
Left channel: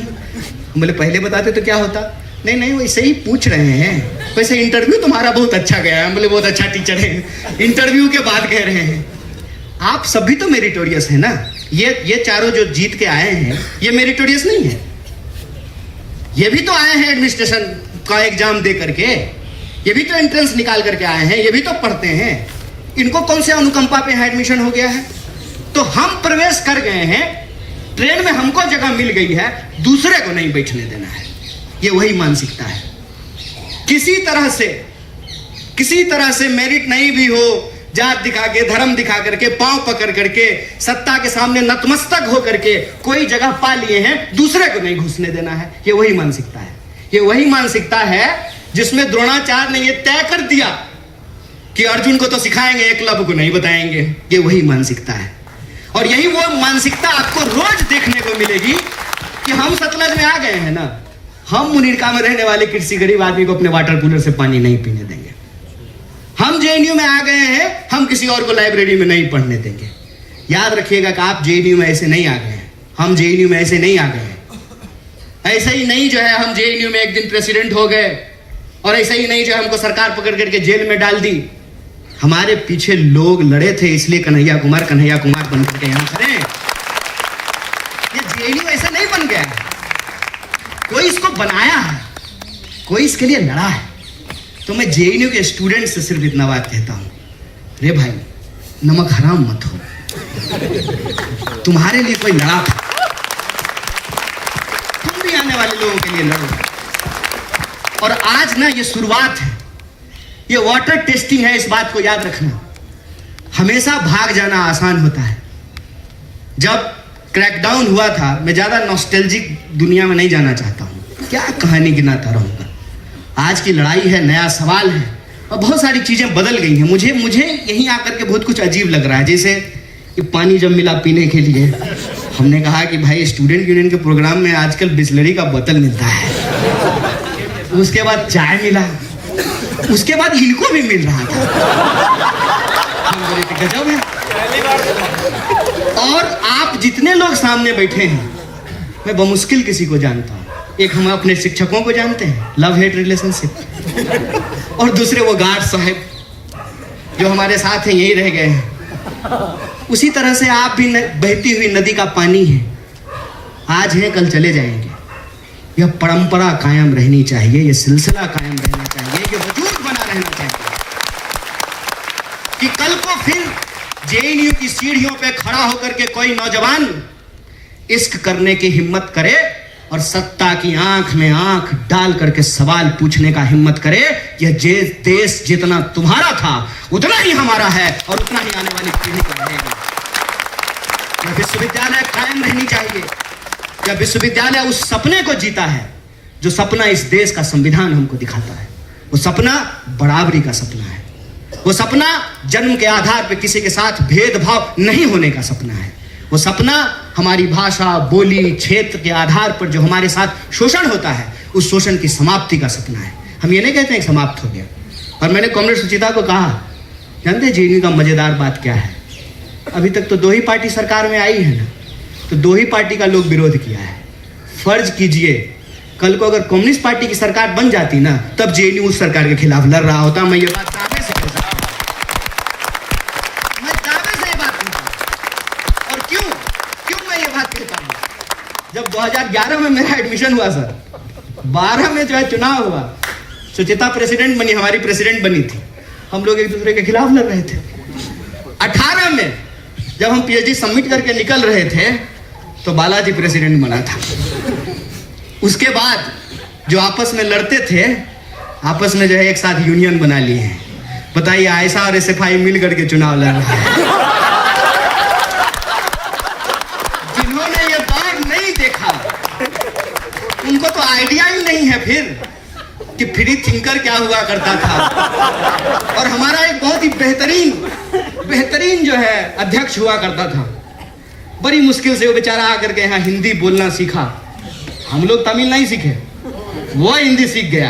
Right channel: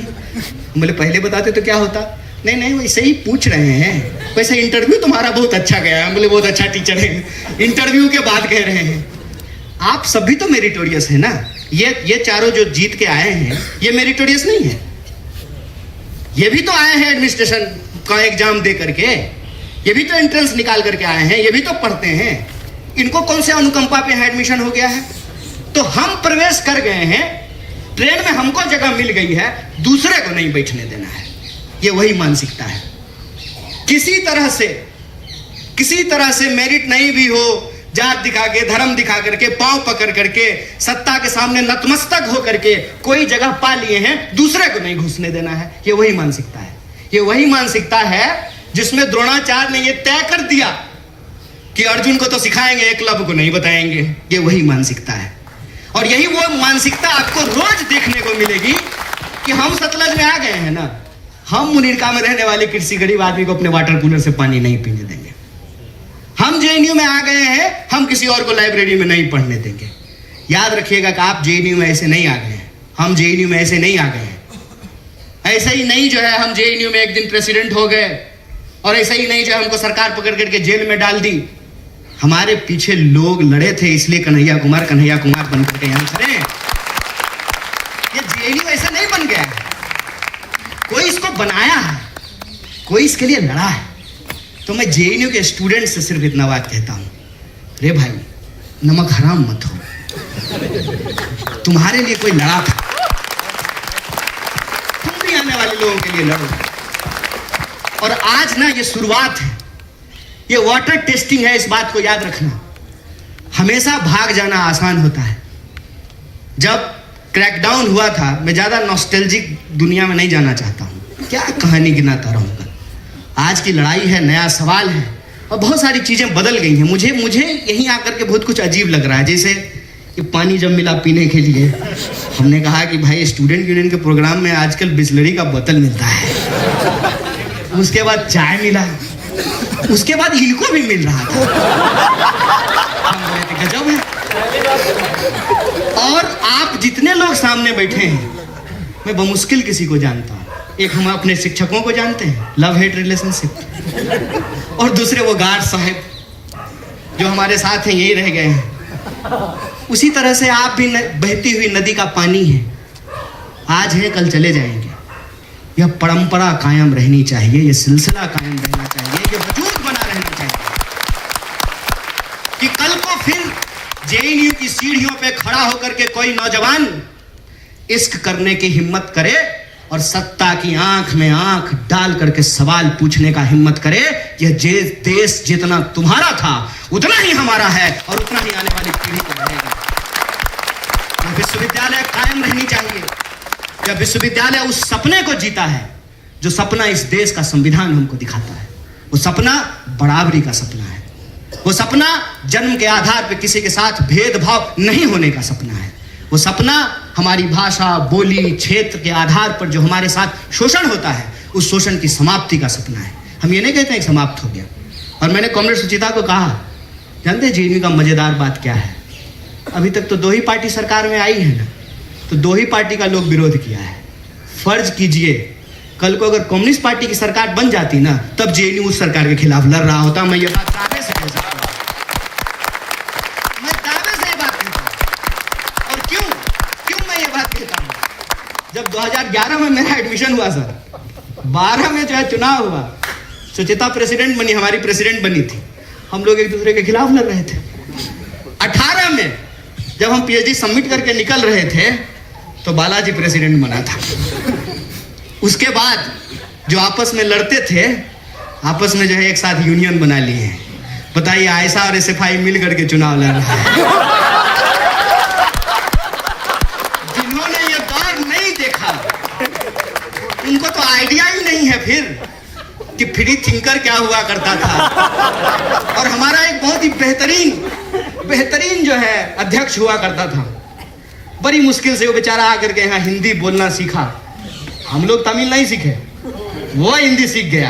बोले पहले बताते तो क्या होता। नहीं नहीं वैसे ही पूछ रहे हैं, वैसे इंटरव्यू तुम्हारा बहुत अच्छा गया है। बोले बहुत अच्छा टीचर है, इंटरव्यू के बाद कह रहे हैं आप सभी तो मेरिटोरियस है ना, ये चारों जो जीत के आए हैं ये मेरिटोरियस नहीं है, ये भी तो आए हैं एडमिनिस्ट्रेशन का एग्जाम दे करके, ये भी तो एंट्रेंस निकाल करके आए हैं, ये भी तो पढ़ते हैं, इनको कौन से अनुकंपा पे एडमिशन हो गया है। तो हम प्रवेश कर गए हैं, ट्रेन में हमको जगह मिल गई है, दूसरे को नहीं बैठने देना है। ये वही मानसिकता है। किसी तरह से मेरिट नहीं भी हो, जात दिखा के धर्म दिखा करके पांव पकड़ करके सत्ता के सामने नतमस्तक हो करके कोई जगह पा लिए हैं, दूसरे को नहीं घुसने देना है। ये वही मानसिकता है, ये वही मानसिकता है जिसमें द्रोणाचार्य ने ये तय कर दिया कि अर्जुन को तो सिखाएंगे, एकलव्य को नहीं बताएंगे। ये वही मानसिकता है और यही वो मानसिकता आपको रोज देखने को मिलेगी कि हम सतलज में आ गए हैं ना, हम मुनीरका में रहने वाले कृषि गरीब आदमी को अपने वाटर कूलर से पानी नहीं पीने देंगे। हम जेएनयू में आ गए हैं, हम किसी और को लाइब्रेरी में नहीं पढ़ने देंगे। याद रखिएगा कि आप जेएनयू में ऐसे नहीं आ गए हैं, हम जेएनयू में ऐसे नहीं आ गए हैं। ऐसे ही नहीं जो है हम जेएनयू में एक दिन प्रेसिडेंट हो गए और ऐसे ही नहीं जो है हमको सरकार पकड़ करके जेल में डाल दी। हमारे पीछे लोग लड़े थे, इसलिए कन्हैया कुमार बन करके यहां खड़े हैं। ये जेएनयू ऐसे नहीं बन गया है, कोई इसको बनाया है, कोई इसके लिए लड़ा है। तो मैं जेएनयू के स्टूडेंट से सिर्फ इतना बात कहता हूं, रे भाई नमक हराम मत हो, तुम्हारे लिए कोई लड़ा था, तुम भी आने वाले लोगों के लिए लड़ो। और आज ना ये शुरुआत है, ये वाटर टेस्टिंग है, इस बात को याद रखना। हमेशा भाग जाना आसान होता है। जब क्रैकडाउन हुआ था, मैं ज्यादा नॉस्टैल्जिक दुनिया में नहीं जाना चाहता हूं, क्या कहानी गिनाता रहूंगा। आज की लड़ाई है, नया सवाल है और बहुत सारी चीजें बदल गई हैं। मुझे यहीं आकर के बहुत कुछ अजीब लग रहा है। जैसे कि पानी जब मिला पीने के लिए, हमने कहा कि भाई स्टूडेंट यूनियन के प्रोग्राम में आजकल बिस्लरी का बोतल मिलता है, उसके बाद चाय मिला, उसके बाद इनको भी मिल रहा था। गजब है। और आप जितने लोग सामने बैठे हैं, मैं बमुश्किल किसी को जानता हूं। एक हम अपने शिक्षकों को जानते हैं, लव हेट रिलेशनशिप, और दूसरे वो गार्ड साहब जो हमारे साथ हैं, यही रह गए हैं। उसी तरह से आप भी बहती हुई नदी का पानी है, आज है कल चले जाएंगे। यह परंपरा कायम रहनी चाहिए, यह सिलसिला कायम रहना चाहिए, यह वजूद बना रहना चाहिए कि कल को फिर जेएनयू की सीढ़ियों पे खड़ा होकर के कोई नौजवान इश्क करने की हिम्मत करे और सत्ता की आंख में आंख डाल करके सवाल पूछने का हिम्मत करे। यह देश जितना तुम्हारा था उतना ही हमारा है और उतना ही आने वाली पीढ़ी का रहेगा। यह विश्वविद्यालय कायम रहनी चाहिए। यह विश्वविद्यालय उस सपने को जीता है जो सपना इस देश का संविधान हमको दिखाता है। वो सपना बराबरी का सपना है, वो सपना जन्म के आधार पर किसी के साथ भेदभाव नहीं होने का सपना है। वो सपना हमारी भाषा, बोली, क्षेत्र के आधार पर जो हमारे साथ शोषण होता है, उस शोषण की समाप्ति का सपना है। हम ये नहीं कहते हैं समाप्त हो गया। और मैंने कॉमरेड सुचिता को कहा जानते हैं जेएनयू का मजेदार बात क्या है? अभी तक तो 2 ही पार्टी सरकार में आई है ना, तो 2 ही पार्टी का लोग विरोध किया है। फर्ज कीजिए कल को अगर कम्युनिस्ट पार्टी की सरकार बन जाती ना, तब जेएनयू उस सरकार के खिलाफ लड़ रहा होता। मैं ये बात दावे से कह सकता हूं, मैं दावे से ये बात कहता हूं। और क्यों मैं ये बात कहता हूं? जब 2011 में मेरा एडमिशन हुआ सर, 12 में जो है चुनाव हुआ, सुचिता प्रेसिडेंट बनी, हमारी प्रेसिडेंट बनी थी, हम लोग एक दूसरे के खिलाफ लड़ रहे थे। 18 में जब हम पीएचडी सबमिट करके निकल रहे थे तो बालाजी प्रेसिडेंट बना था। उसके बाद जो आपस में लड़ते थे, आपस में जो है एक साथ यूनियन बना लिए हैं। बताइए, आयशा और एसएफआई मिल करके चुनाव लड़ रहा है। जिन्होंने ये बात नहीं देखा उनको तो आइडिया ही नहीं है फिर कि फ्री थिंकर क्या हुआ करता था। और हमारा एक बहुत ही बेहतरीन जो है अध्यक्ष हुआ करता था। बड़ी मुश्किल से वो बेचारा आकर के यहाँ हिंदी बोलना सीखा। हम लोग तमिल नहीं सीखे, वो हिंदी सीख गया।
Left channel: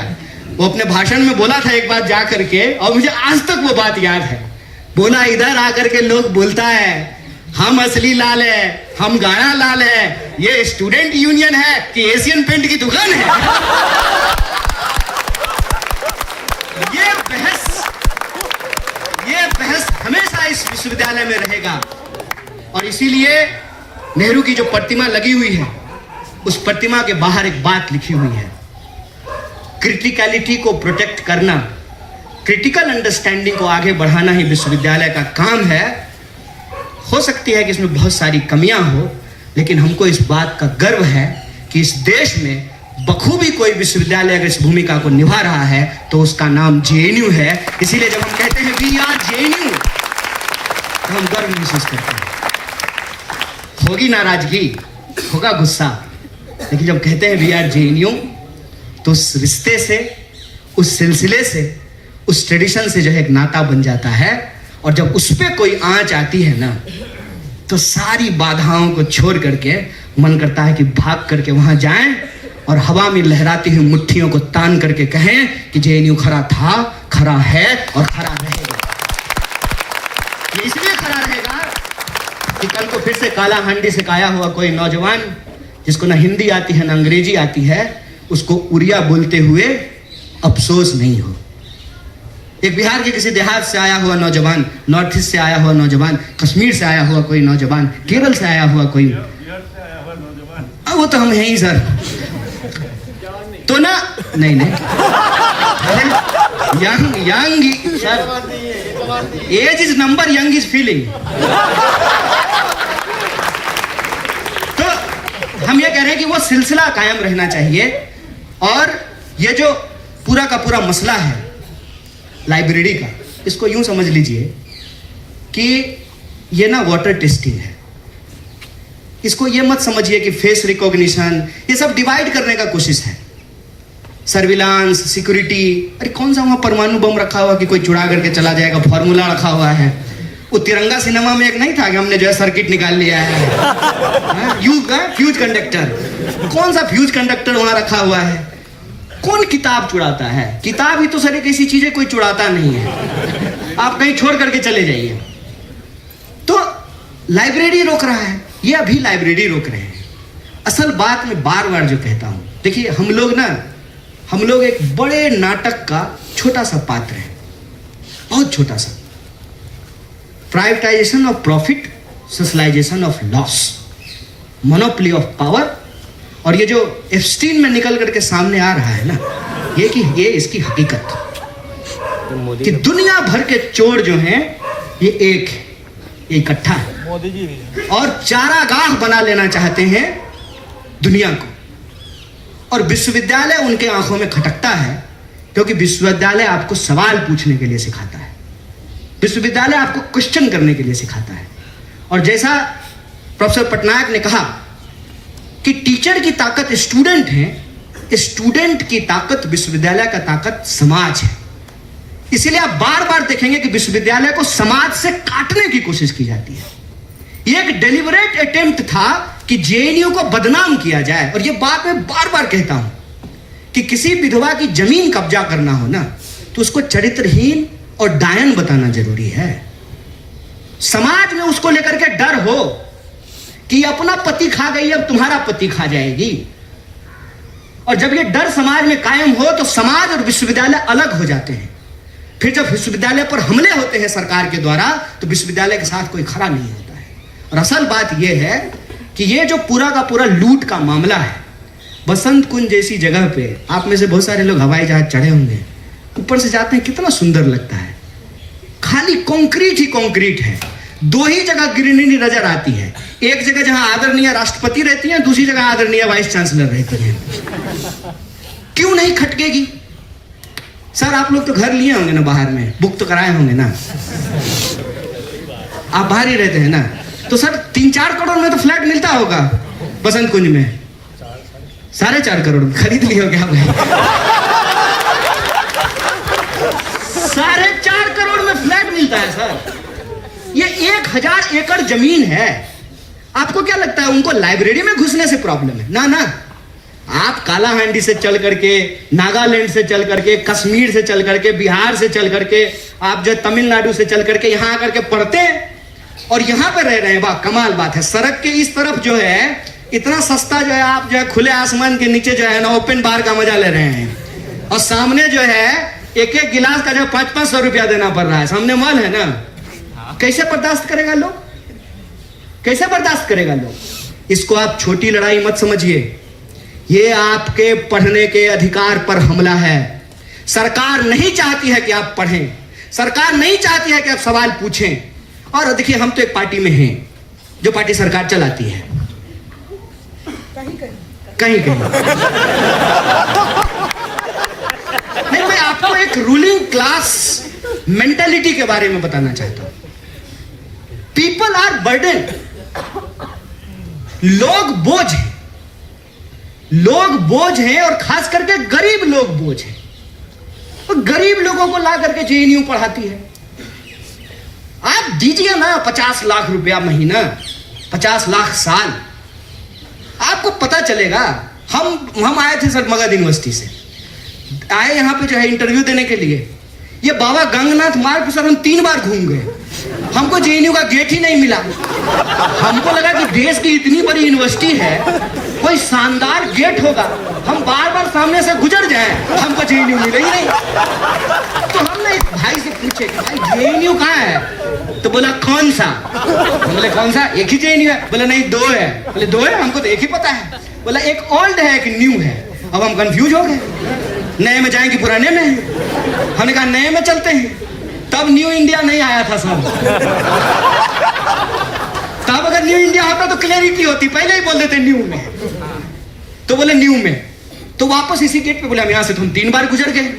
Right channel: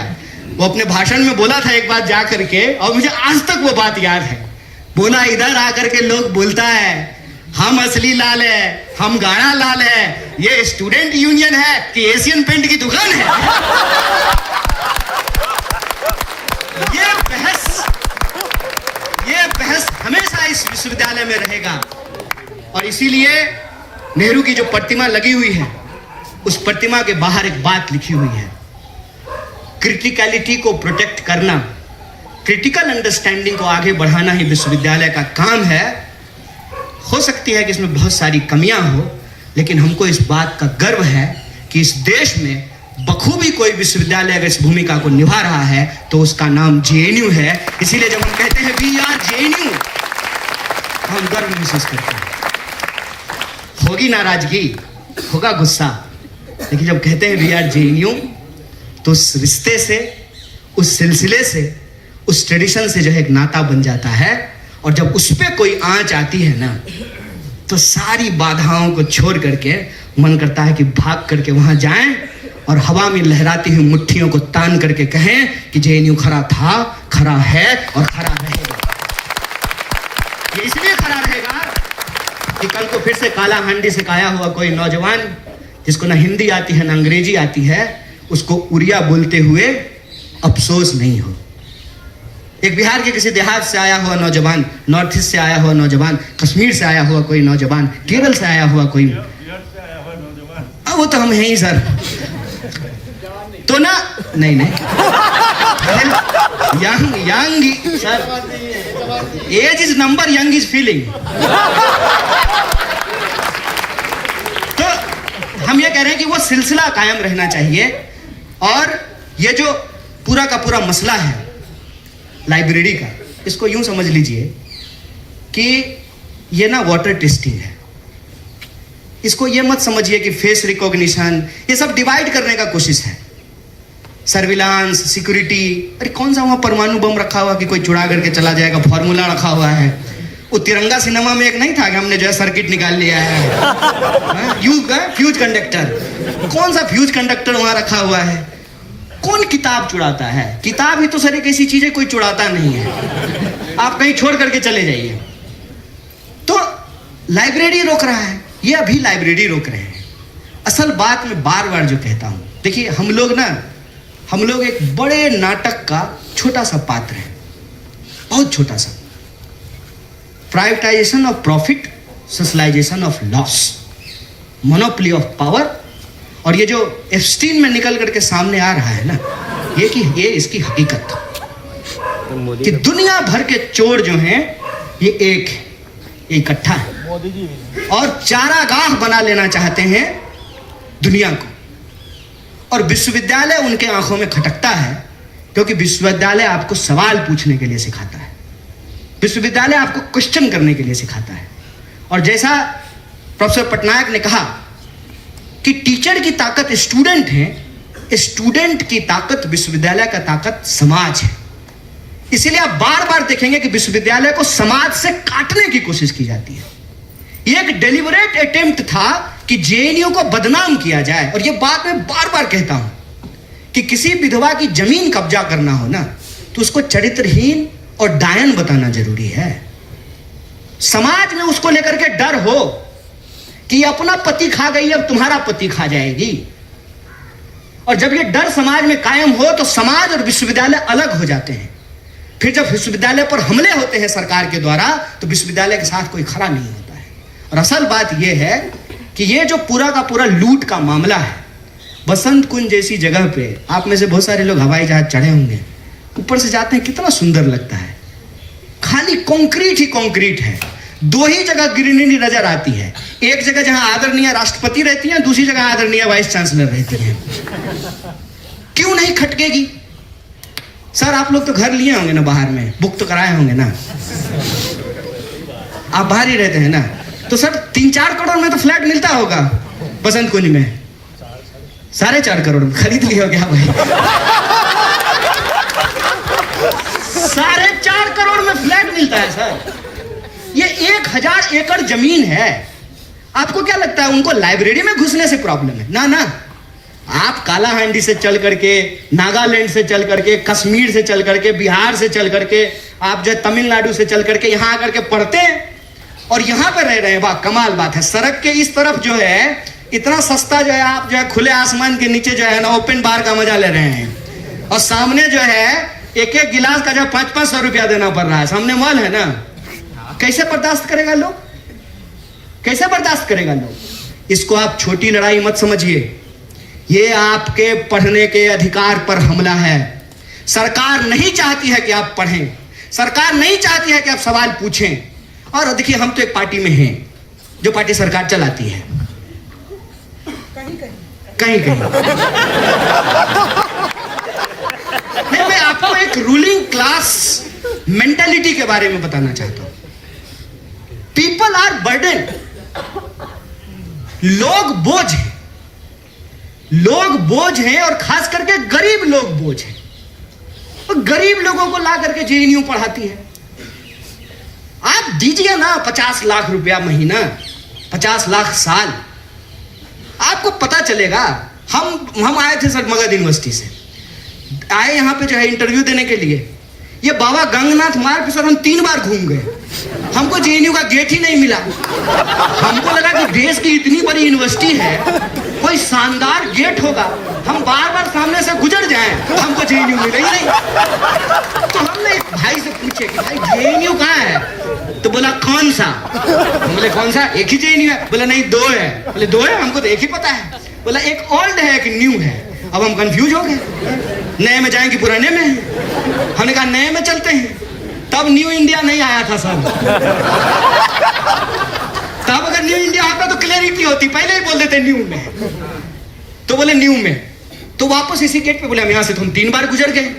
वो अपने भाषण में बोला था एक बात जा करके, और मुझे आज तक वो बात याद है। बोला, इधर आकर के लोग बोलता है हम असली लाल है, हम गाना लाल है, ये स्टूडेंट यूनियन है कि एशियन पेंट की दुकान है। ये बहस हमेशा इस विश्वविद्यालय में रहेगा। और इसीलिए नेहरू की जो प्रतिमा लगी हुई है, उस प्रतिमा के बाहर एक बात लिखी हुई है, क्रिटिकलिटी को प्रोटेक्ट करना, क्रिटिकल अंडरस्टैंडिंग को आगे बढ़ाना ही विश्वविद्यालय का काम है। हो सकती है कि इसमें बहुत सारी कमियां हो, लेकिन हमको इस बात का गर्व है कि इस देश में बखूबी कोई विश्वविद्यालय अगर इस भूमिका को निभा रहा है तो उसका नाम जेएनयू है। इसीलिए जब हम कहते हैं कि यार जेएनयू, तो हम गर्व महसूस करते हैं। होगी नाराजगी, होगा गुस्सा, लेकिन जब कहते हैं वी आर जेएनयू, तो उस रिश्ते से, उस सिलसिले से, उस ट्रेडिशन से जो है एक नाता बन जाता है। और जब उस पर कोई आंच आती है ना, तो सारी बाधाओं को छोड़ करके मन करता है कि भाग करके वहां जाएं और हवा में लहराती हुई मुट्ठियों को तान करके कहें कि जेएनयू खरा था, खरा है और खरा रहेगा। ये इसलिए खरा रहेगा कि कल को फिर से काला हांडी से खाया हुआ कोई नौजवान जिसको ना हिंदी आती है ना अंग्रेजी आती है, उसको उड़िया बोलते हुए अफसोस नहीं हो। एक बिहार के किसी देहात से आया हुआ नौजवान, नॉर्थ ईस्ट से आया हुआ नौजवान, कश्मीर से आया हुआ कोई नौजवान, केरल से आया हुआ कोई, वो तो हम हैं ही सर। तो ना नहीं young sir, age is number, young is feeling. तो हम ये कह रहे हैं कि वो सिलसिला कायम रहना चाहिए। और ये जो पूरा का पूरा मसला है लाइब्रेरी का, इसको यूं समझ लीजिए कि ये ना वाटर टेस्टिंग है। इसको ये मत समझिए कि फेस रिकॉग्निशन, ये सब डिवाइड करने का कोशिश है। सर्विलांस, सिक्योरिटी, अरे कौन सा वहां परमाणु बम रखा हुआ कि कोई चुरा करके चला जाएगा, फॉर्मूला रखा हुआ है। वो तिरंगा सिनेमा में एक नहीं था कि हमने जो है सर्किट निकाल लिया है, फ्यूज कंडक्टर, कौन सा फ्यूज कंडक्टर वहां रखा हुआ है? कौन किताब चुराता है? किताब ही तो सर एक ऐसी चीज है, कोई चुराता नहीं है, आप कहीं छोड़ करके चले जाइए। तो लाइब्रेरी रोक रहा है, ये अभी लाइब्रेरी रोक रहे हैं। असल बात मैं बार बार जो कहता हूं, देखिए हम लोग एक बड़े नाटक का छोटा सा पात्र है, बहुत छोटा सा। Privatisation of profit, socialisation of loss, monopoly of power. और ये जो एप्स्टीन में निकल करके सामने आ रहा है ना, ये इसकी हकीकत कि दुनिया भर के चोर जो हैं ये एक इकट्ठा है, मोदी जी भी, और चारागाह बना लेना चाहते हैं दुनिया को। और विश्वविद्यालय उनके आंखों में खटकता है, क्योंकि विश्वविद्यालय आपको सवाल पूछने के लिए सिखाता है, विश्वविद्यालय आपको क्वेश्चन करने के लिए सिखाता है। और जैसा प्रोफेसर पटनायक ने कहा कि टीचर की ताकत स्टूडेंट है, स्टूडेंट की ताकत विश्वविद्यालय का ताकत समाज है। इसीलिए आप बार बार देखेंगे कि विश्वविद्यालय को समाज से काटने की कोशिश की जाती है। ये एक डेलिबरेट अटेम्प्ट था कि जेएनयू को बदनाम किया जाए। और ये बात मैं बार बार कहता हूं कि किसी विधवा की जमीन कब्जा करना हो ना, तो उसको चरित्रहीन और डायन बताना जरूरी है। समाज में उसको लेकर के डर हो कि अपना पति खा गई, अब तुम्हारा पति खा जाएगी। और जब ये डर समाज में कायम हो तो समाज और विश्वविद्यालय अलग हो जाते हैं। फिर जब विश्वविद्यालय पर हमले होते हैं सरकार के द्वारा तो विश्वविद्यालय के साथ कोई खड़ा नहीं होता है। और असल बात यह है कि ये जो पूरा का पूरा लूट का मामला है, बसंत कुंज जैसी जगह पे आप में से बहुत सारे लोग हवाई जहाज चढ़े होंगे, ऊपर से जाते हैं कितना सुंदर लगता है। खाली कंक्रीट ही कंक्रीट है। दो ही जगह ग्रीनरी नजर आती है, एक जगह जहां आदरणीय राष्ट्रपति रहती हैं, दूसरी जगह आदरणीय वाइस चांसलर रहते हैं। क्यों नहीं खटकेगी? सर आप लोग तो घर लिए होंगे ना, बाहर में बुक तो कराए होंगे ना, आप बाहर ही रहते हैं ना, तो सर 3-4 करोड़ में तो फ्लैट मिलता होगा बसंत कुंज में। 4.5 करोड़ खरीद लिया क्या भाई? 4.5 करोड़ में फ्लैट मिलता है सर। ये 1000 एकड़ जमीन है। आपको क्या लगता है उनको लाइब्रेरी में घुसने से प्रॉब्लम है? ना ना, आप कालाहांडी से चल करके, नागालैंड से चल करके, कश्मीर से चल करके, बिहार से चल करके, आप जो तमिलनाडु से चल करके यहां आकर के पढ़ते हैं और यहां पर रह रहे हैं। वाह कमाल बात है। सड़क के इस तरफ जो है इतना सस्ता जो है, आप जो है खुले आसमान के नीचे जो है ना ओपन बार का मजा ले रहे हैं, और सामने जो है एक एक गिलास का जो 500-500 रुपया देना पड़ रहा है। सामने मॉल है ना, कैसे बर्दाश्त करेगा लोग? कैसे बर्दाश्त करेगा लोग? इसको आप छोटी लड़ाई मत समझिए, ये आपके पढ़ने के अधिकार पर हमला है। सरकार नहीं चाहती है कि आप पढ़ें, सरकार नहीं चाहती है कि आप सवाल पूछें। और देखिए हम तो एक पार्टी में हैं जो पार्टी सरकार चलाती है, कहीं कहीं मैं आपको एक रूलिंग क्लास मेंटालिटी के बारे में बताना चाहता हूं। पीपल आर बर्डन, लोग बोझ हैं, लोग बोझ हैं, और खास करके गरीब लोग बोझ हैं। और गरीब लोगों को ला करके जेएनयू पढ़ाती है। आप दीजिए ना 50 लाख रुपया महीना, 50 लाख साल, आपको पता चलेगा। हम आए थे सर मगध यूनिवर्सिटी से, आए यहां पे जो है इंटरव्यू देने के लिए। ये बाबा गंगनाथ मार्ग पर सर हम 3 बार घूम गए, हमको जेएनयू का गेट ही नहीं मिला। हमको लगा कि देश की इतनी बड़ी यूनिवर्सिटी है, कोई शानदार गेट होगा, हम बार बार सामने से गुजर जाएं, हमको जेएनयू मिला ही नहीं। तो हमने एक भाई से पूछे कि भाई जेएनयू कहाँ है? तो बोला कौन सा? बोले कौन सा? एक ही जेएनयू है। बोला नहीं 2 है। बोले 2 है? हमको तो एक ही पता है। बोला एक ओल्ड है एक न्यू है। अब हम कंफ्यूज हो गए, नए में जाएं कि पुराने में? हमने कहा नए में चलते हैं। तब न्यू इंडिया नहीं आया था सर। तब अगर न्यू इंडिया होता तो क्लैरिटी होती, पहले ही बोल देते न्यू में। तो बोले न्यू में। तो वापस इसी गेट पे बोले हम यहां से, तो हम 3 बार गुजर गए।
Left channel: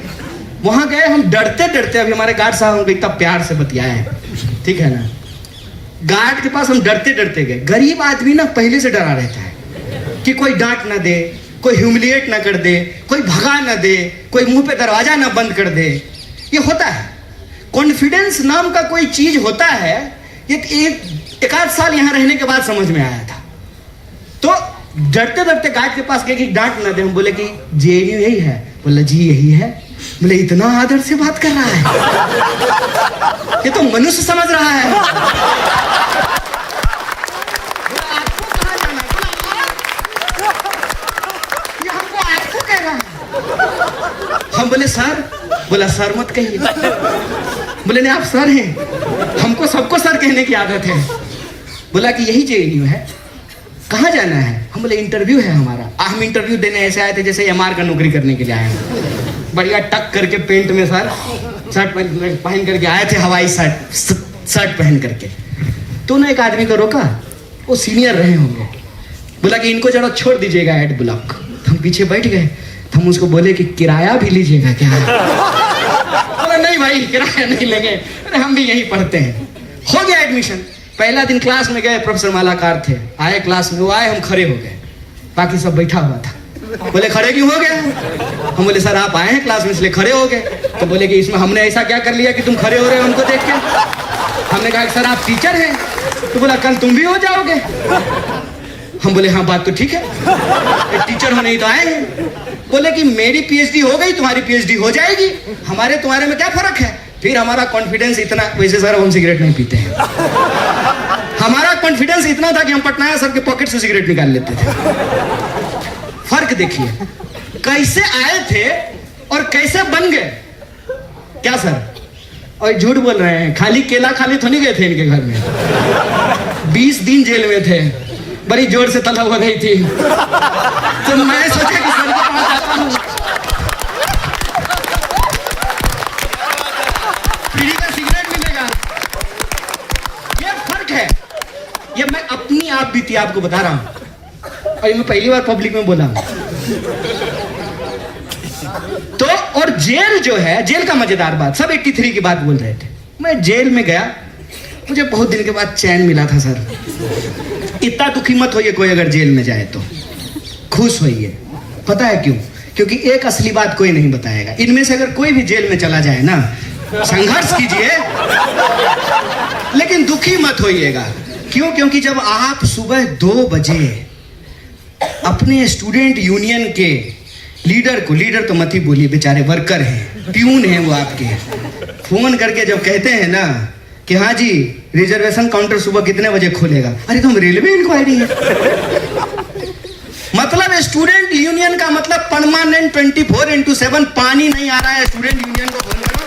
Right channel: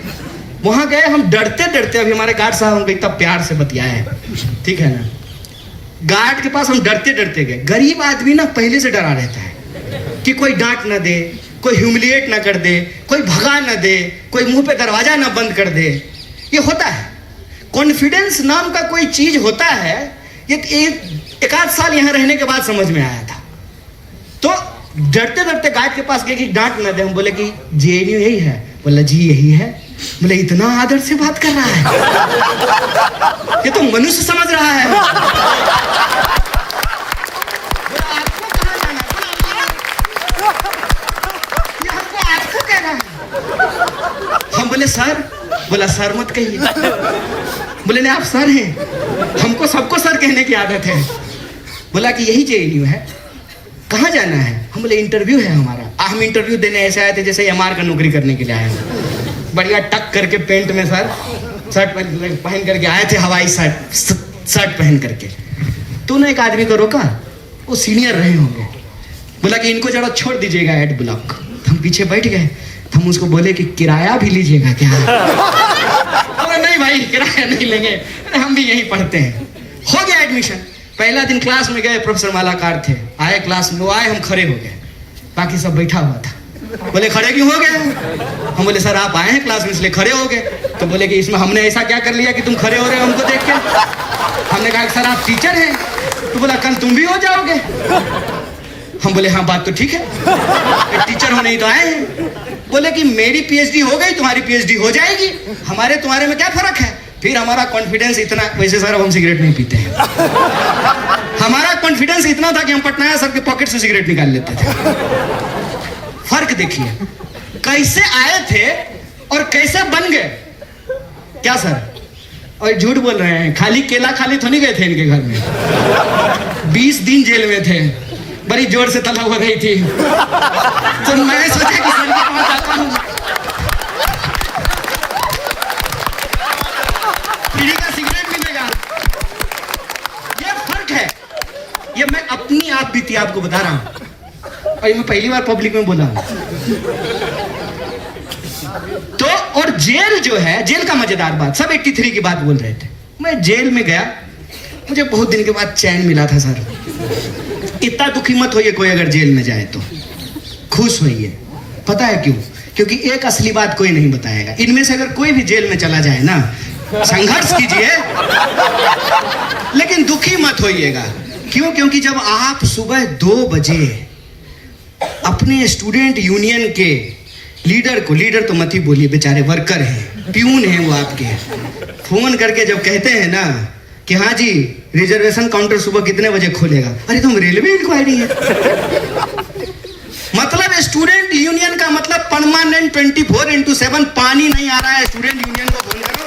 वहां गए हम डरते डरते, अभी हमारे गार्ड साहब हमको इतना प्यार से बतियाए हैं, ठीक है ना। गार्ड के पास हम डरते डरते गए। गरीब आदमी ना पहले से डरा रहता है कि कोई डांट ना दे, कोई ह्यूमिलिएट ना कर दे, कोई भगा ना दे, कोई मुंह पे दरवाजा ना बंद कर दे। ये होता है, कॉन्फिडेंस नाम का कोई चीज होता है। ये एक आध साल यहां रहने के बाद समझ में आया था। तो डरते डरते गार्ड के पास गए कि डांट ना दे। हम बोले कि जेएनयू यही है? बोले जी यही है। बोले इतना आदर से बात कर रहा है, ये तो मनुष्य समझ रहा है। आपको कहां जाना? ये हमको आपको कह रहा है। हम बोले सर। बोला सर मत कहिए। बोले नहीं आप सर हैं, हमको सबको सर कहने की आदत है। बोला कि यही जेएनयू है, कहाँ जाना है? हम बोले इंटरव्यू है हमारा। हम इंटरव्यू देने ऐसे आए थे जैसे एमआर का नौकरी करने के लिए आए हैं। बढ़िया टक करके पेंट में सर शर्ट पहन करके आए थे, हवाई शर्ट पहन करके। तो ना एक आदमी को रोका, वो सीनियर रहे होंगे। बोला कि इनको जरा छोड़ दीजिएगा एड ब्लॉक। हम पीछे बैठ गए। हम उसको बोले कि किराया भी लीजिएगा क्या? बोला नहीं भाई किराया नहीं लेंगे, हम भी यही पढ़ते हैं। हो गया एडमिशन। पहला दिन क्लास में गए, प्रोफेसर मालाकार थे, आए क्लास में, वो आए, हम खड़े हो गए, बाकी सब बैठा हुआ था। बोले खड़े क्यों हो गए? हम बोले सर आप आए हैं क्लास में इसलिए खड़े हो गए। तो बोले कि इसमें हमने ऐसा क्या कर लिया कि तुम खड़े हो रहे हो हमको देख के? हमने कहा सर आप टीचर हैं। तो बोला कल तुम भी हो जाओगे। हम बोले हाँ बात तो ठीक है, एक टीचर होने ही तो आए हैं। बोले कि मेरी पीएचडी हो गई, तुम्हारी पीएचडी हो जाएगी, हमारे तुम्हारे में क्या फर्क है? फिर हमारा कॉन्फिडेंस इतना, वैसे सर हम सिगरेट नहीं पीते हैं, हमारा कॉन्फिडेंस इतना था कि हम पटनायक सर के पॉकेट से सिगरेट निकाल लेते थे। फर्क देखिए, कैसे आए थे और कैसे बन गए। क्या सर, और झूठ बोल रहे हैं, खाली केला खाली तो नहीं गए थे इनके घर में, 20 दिन जेल में थे, बड़ी जोर से तलब हो रही थी, तो मैंने सोचा कि सर के पास आता हूं, पीढ़ी का सिगरेट मिलेगा। ये फर्क है, ये मैं अपनी आप बीती आपको बता रहा हूं, और ये मैं पहली बार पब्लिक में बोला हूं। तो और जेल जो है, जेल का मजेदार बात, सब 83 की बात बोल रहे थे, मैं जेल में गया, मुझे बहुत दिन के बाद चैन मिला था सर। इतना दुखी मत होइए कोई अगर जेल में जाए तो, खुश होइए। पता है क्यों? क्योंकि एक असली बात कोई नहीं बताएगा। इनमें से अगर कोई भी जेल में चला जाए ना, संघर्ष कीजिए लेकिन दुखी मत होइएगा। क्यों? क्योंकि जब आप सुबह 2 बजे अपने स्टूडेंट यूनियन के लीडर को, लीडर तो मत ही बोलिए, बेचारे वर्कर हैं, प्यून हैं वो आपके, फोन करके जब कहते हैं ना कि हाँ जी रिजर्वेशन काउंटर सुबह कितने बजे खोलेगा, अरे तुम रेलवे इंक्वायरी है। मतलब स्टूडेंट यूनियन का मतलब परमानेंट 24/7 पानी नहीं आ रहा है, स्टूडेंट यूनियन को फोन करो,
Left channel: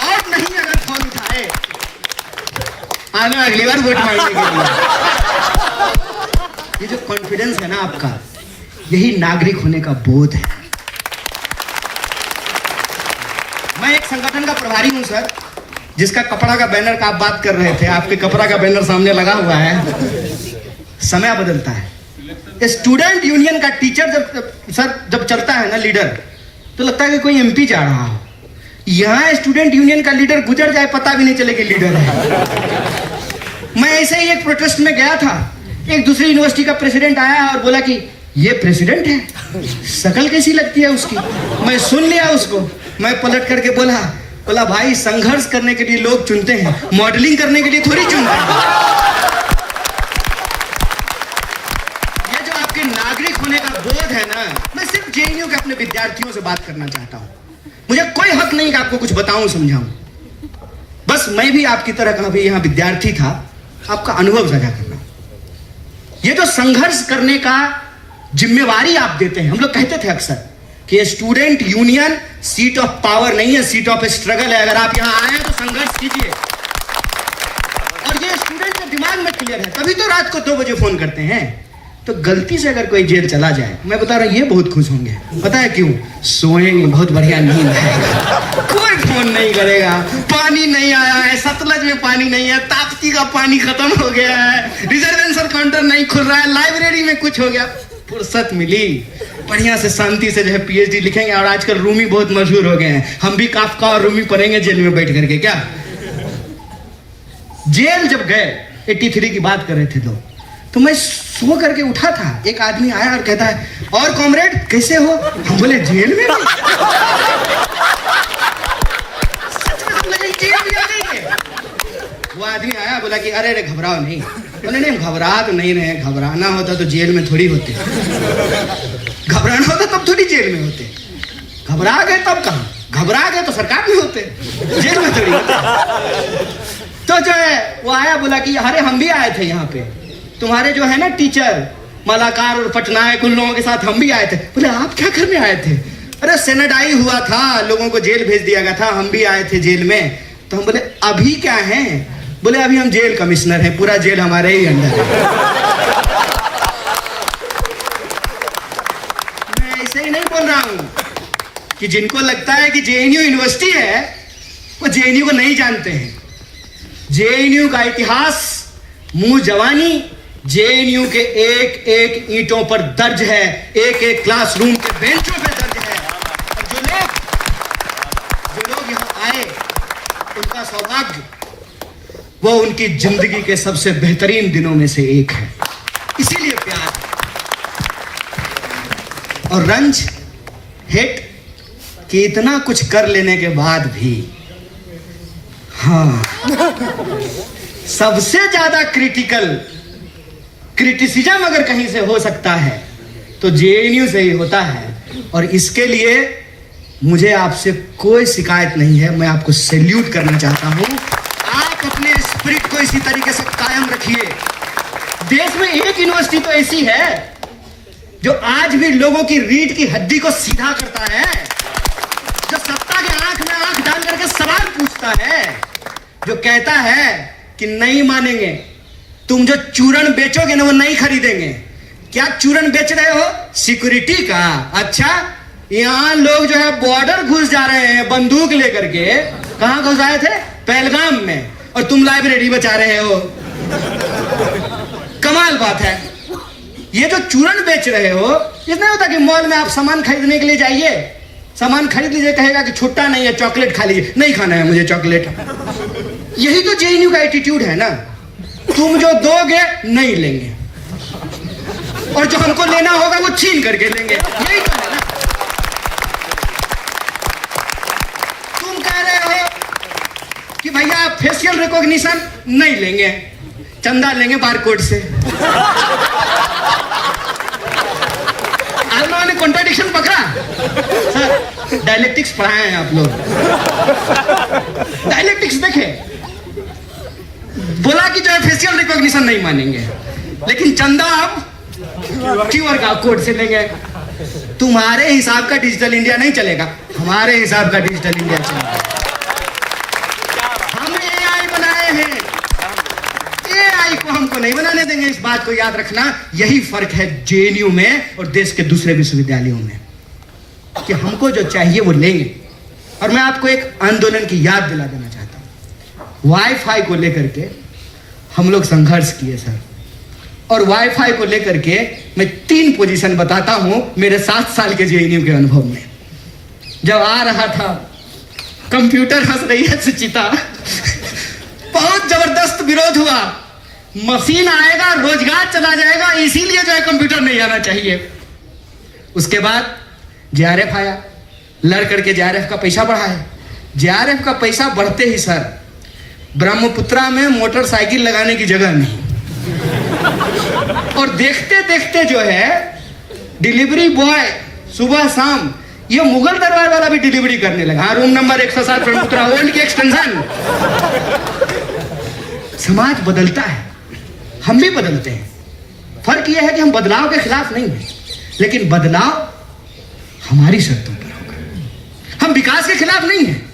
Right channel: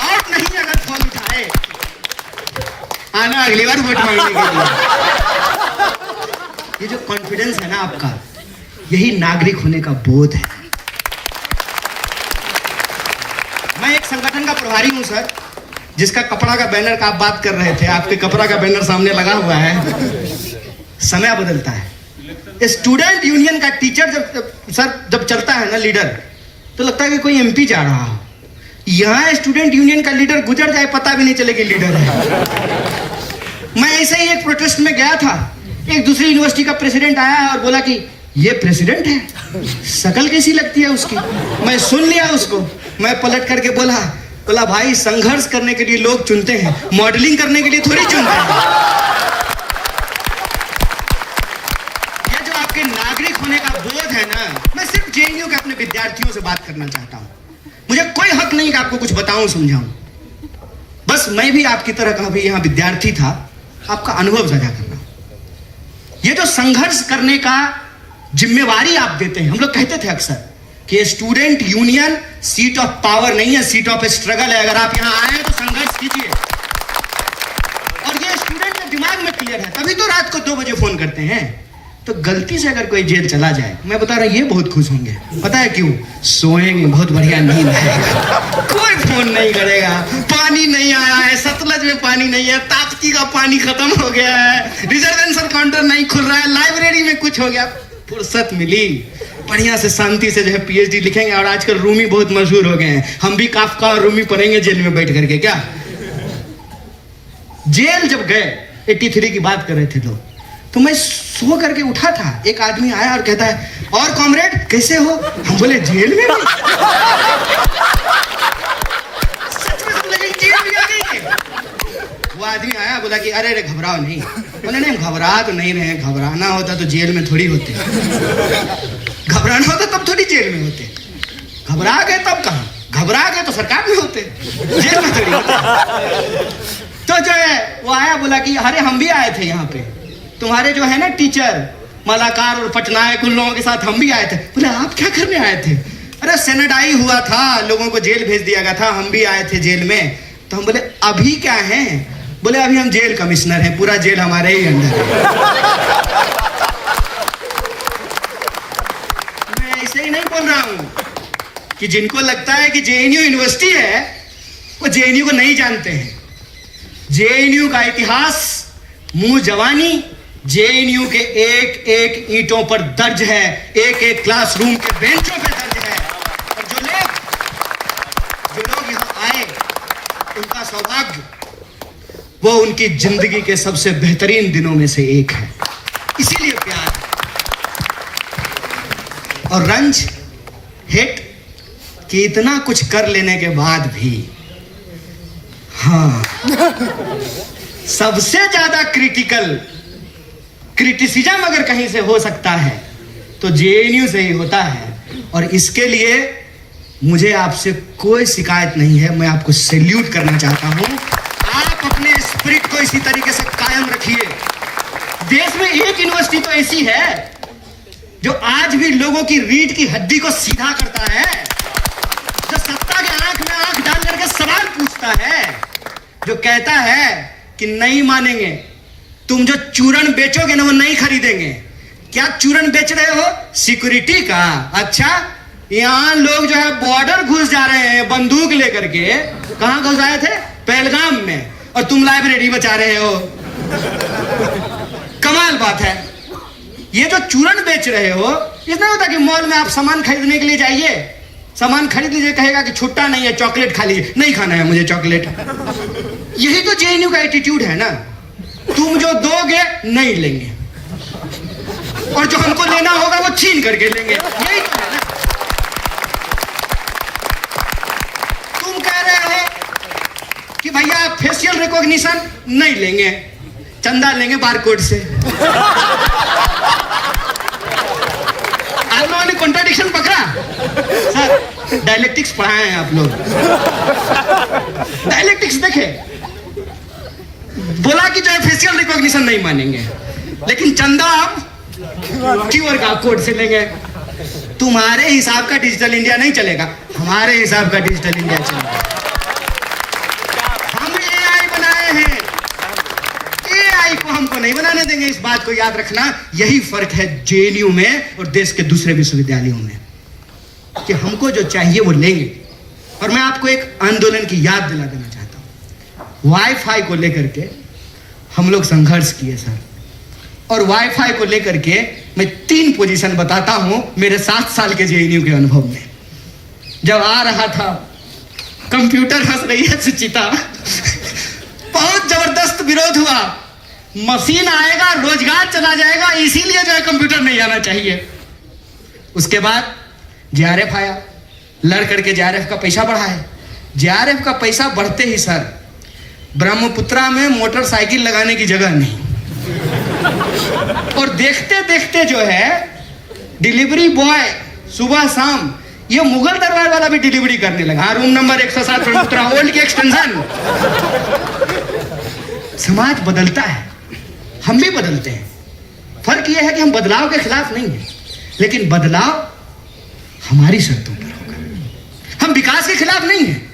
और नहीं अगर फोन उठाए आना अगली बार वोट मांगने के लिए। ये जो कॉन्फिडेंस है ना आपका, यही नागरिक होने का बोध है। मैं एक संगठन का प्रभारी हूं सर, जिसका कपड़ा का बैनर का आप बात कर रहे थे, आपके कपड़ा का बैनर सामने लगा हुआ है। समय बदलता है। स्टूडेंट यूनियन का टीचर जब चलता है ना लीडर, तो लगता है कि कोई एमपी जा रहा हो। यहां स्टूडेंट यूनियन का लीडर गुजर जाए पता भी नहीं चलेगा लीडर है। मैं ऐसे ही एक प्रोटेस्ट में गया था, एक दूसरी यूनिवर्सिटी का प्रेसिडेंट आया और बोला कि ये प्रेसिडेंट है, शक्ल कैसी लगती है उसकी। मैं सुन लिया उसको, मैं पलट करके बोला भाई संघर्ष करने के लिए लोग चुनते हैं, मॉडलिंग करने के लिए थोड़ी चुनते हैं। ये जो आपके नागरिक होने का बोध है ना, मैं सिर्फ जेएनयू के अपने विद्यार्थियों से बात करना चाहता हूं। मुझे कोई हक नहीं कि आपको कुछ बताऊं समझाऊं, बस मैं भी आपकी तरह का भी यहां विद्यार्थी था, आपका अनुभव साझा कर रहा हूं। ये जो संघर्ष करने का जिम्मेवारी आप देते हैं, हम लोग कहते थे अक्सर कि student union seat of power नहीं है, सीट ऑफ स्ट्रगल है। अगर आप यहां आए हैं तो संघर्ष कीजिए, और ये स्टूडेंट के दिमाग में क्लियर है, तभी तो रात को 2 बजे फोन करते हैं। तो गलती से अगर कोई जेल चला जाए, मैं बता रहा हूं ये बहुत खुश होंगे। पता है क्यों? सोएंगे बहुत बढ़िया नींद है, कोई फोन नहीं करेगा, पानी नहीं आया है, सतलज में पानी नहीं है, ताप्ती का पानी खत्म हो गया है, रिजर्वेशन काउंटर नहीं खुल रहा है, लाइब्रेरी में कुछ हो गया, फुर्सत मिली, बढ़िया से शांति से जो है पीएचडी लिखेंगे। और आजकल रूमी बहुत मशहूर हो गए हैं, हम भी काफका और रूमी पढ़ेंगे जेल में बैठ करके। क्या जेल जब गए, 83 की बात कर रहे थे तो मैं सो करके उठा था, एक आदमी आया और कहता है और कॉमरेड कैसे हो? हम बोले जेल में। वो आदमी आया, बोला कि अरे रे घबराओ नहीं। बोले नहीं घबरा तो नहीं रहे, घबराना होता तो जेल में थोड़ी होते, घबराना होता तब थोड़ी जेल में होते, घबरा गए तब कहाँ, घबरा गए तो सरकार में होते, जेल में थोड़ी। तो जो है वो आया, बोला कि अरे हम भी आए थे यहाँ पे, तुम्हारे जो है ना टीचर मलाकार और पटनायक, उन लोगों के साथ हम भी आए थे। बोले आप क्या करने आए थे? अरे सेनेडाई हुआ था, लोगों को जेल भेज दिया गया था, हम भी आए थे जेल में। तो हम बोले अभी क्या है? बोले अभी हम जेल कमिश्नर हैं, पूरा जेल हमारे ही अंदर है। मैं ऐसे ही नहीं बोल रहा हूं कि जिनको लगता है कि जेएनयू यूनिवर्सिटी है वो जेएनयू को नहीं जानते हैं। जेएनयू का इतिहास, मुंह जवानी जेएनयू के एक एक ईंटों पर दर्ज है, एक एक क्लासरूम के बेंचों पर दर्ज है। और जो लोग यहां आए उनका सौभाग्य, वो उनकी जिंदगी के सबसे बेहतरीन दिनों में से एक है। इसीलिए प्यार और रंज, हिट कि इतना कुछ कर लेने के बाद भी, हाँ, सबसे ज्यादा क्रिटिसिज्म अगर कहीं से हो सकता है तो जेएनयू से ही होता है। और इसके लिए मुझे आपसे कोई शिकायत नहीं है, मैं आपको सैल्यूट करना चाहता हूं। आप अपने स्पिरिट को इसी तरीके से कायम रखिए। देश में एक यूनिवर्सिटी तो ऐसी है जो आज भी लोगों की रीढ़ की हड्डी को सीधा करता है, जो सत्ता के आंख में आंख डाल करके सवाल पूछता है, जो कहता है कि नहीं मानेंगे, तुम जो चूरन बेचोगे ना वो नहीं खरीदेंगे। क्या चूरन बेच रहे हो? सिक्योरिटी का। अच्छा, यहां लोग जो है बॉर्डर घुस जा रहे हैं बंदूक लेकर के। कहां घुस आए थे? पहलगाम में, और तुम लाइब्रेरी बचा रहे हो। कमाल बात है। ये जो चूरन बेच रहे हो, इसमें होता कि मॉल में आप सामान खरीदने के लिए जाइए, सामान खरीद लीजिए, कहेगा कि छुट्टा नहीं है, चॉकलेट खा लीजिए। नहीं खाना है मुझे चॉकलेट। यही तो जेएनयू का एटीट्यूड है ना। तुम जो दोगे नहीं लेंगे, और जो हमको लेना होगा वो छीन करके लेंगे। यही तो है ना। तुम कह रहे हो कि भैया फेशियल रिकॉग्निशन नहीं लेंगे, चंदा लेंगे बारकोड से। आज मैंने कॉन्ट्राडिक्शन पकड़ा। सर डायलेक्टिक्स पढ़ाए हैं आप लोग, डायलेक्टिक्स देखे। बोला कि जो है फेशियल रिकॉग्निशन नहीं मानेंगे, लेकिन चंदा आप क्यूआर कोड से लेंगे। तुम्हारे हिसाब का डिजिटल इंडिया नहीं चलेगा, हमारे हिसाब का डिजिटल इंडिया चलेगा। हम एआई बनाए हैं, एआई को हमको नहीं बनाने देंगे। इस बात को याद रखना। यही फर्क है जेएनयू में और देश के दूसरे विश्वविद्यालयों में, कि हमको जो चाहिए वो लेंगे। और मैं आपको एक आंदोलन की याद दिला देना चाहता हूं। वाईफाई को लेकर के हम लोग संघर्ष किए सर, और वाईफाई को लेकर के मैं 3 पोजीशन बताता हूं मेरे 7 साल के जेएनयू के अनुभव में। जब आ रहा था, कंप्यूटर हंस रही है सुचिता, बहुत जबरदस्त विरोध हुआ। मशीन आएगा, रोजगार चला जाएगा, इसीलिए जो है कंप्यूटर नहीं आना चाहिए। उसके बाद जेआरएफ आया, लड़ करके जेआरएफ का पैसा बढ़ा है। जेआरएफ का पैसा बढ़ते ही सर ब्रह्मपुत्रा में मोटरसाइकिल लगाने की जगह नहीं, और देखते देखते जो है डिलीवरी बॉय सुबह शाम ये मुगल दरबार वाला भी डिलीवरी करने लगा। रूम नंबर 107 ब्रह्मपुत्रा ओल्ड की एक्सटेंशन। समाज बदलता है, हम भी बदलते हैं। फर्क यह है कि हम बदलाव के खिलाफ नहीं हैं, लेकिन बदलाव हमारी शर्तों पर होगा। हम विकास के खिलाफ नहीं हैं,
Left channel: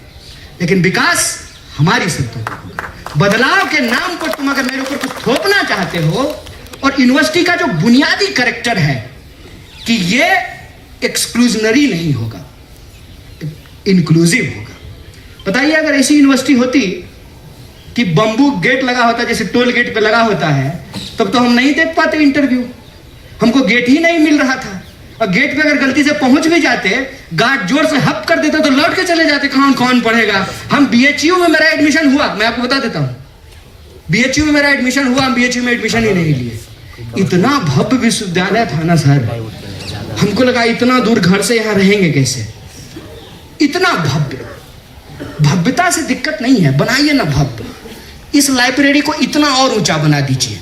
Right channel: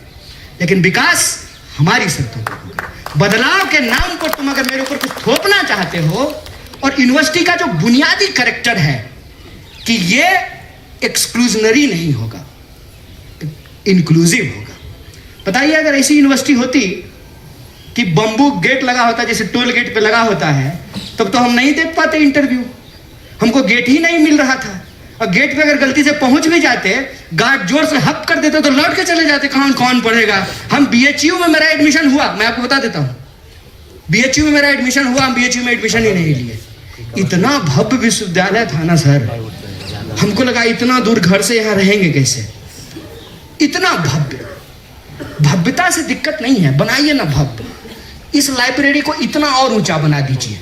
लेकिन विकास हमारी शर्तों पर होगा। बदलाव के नाम पर तुम अगर मेरे ऊपर कुछ थोपना चाहते हो, और यूनिवर्सिटी का जो बुनियादी कैरेक्टर है कि ये एक्सक्लूजनरी नहीं होगा, इंक्लूसिव होगा। बताइए अगर ऐसी यूनिवर्सिटी होती कि बंबू गेट लगा होता, जैसे टोल गेट पे लगा होता है, तब तो हम नहीं दे पाते इंटरव्यू। हमको गेट ही नहीं मिल रहा था, और गेट पे अगर गलती से पहुंच भी जाते, गार्ड जोर से हप कर देते तो लौट के चले जाते। कौन पढ़ेगा? हम बीएचयू में मेरा एडमिशन हुआ, मैं आपको बता देता हूं, बीएचयू में मेरा एडमिशन हुआ, हम बीएचयू में एडमिशन ही नहीं लिए। इतना भव्य विश्वविद्यालय था ना सर, हमको लगा इतना दूर घर से यहां रहेंगे कैसे। इतना भव्य, भव्यता से दिक्कत नहीं है, बनाइए ना भव्य। इस लाइब्रेरी को इतना और ऊंचा बना दीजिए,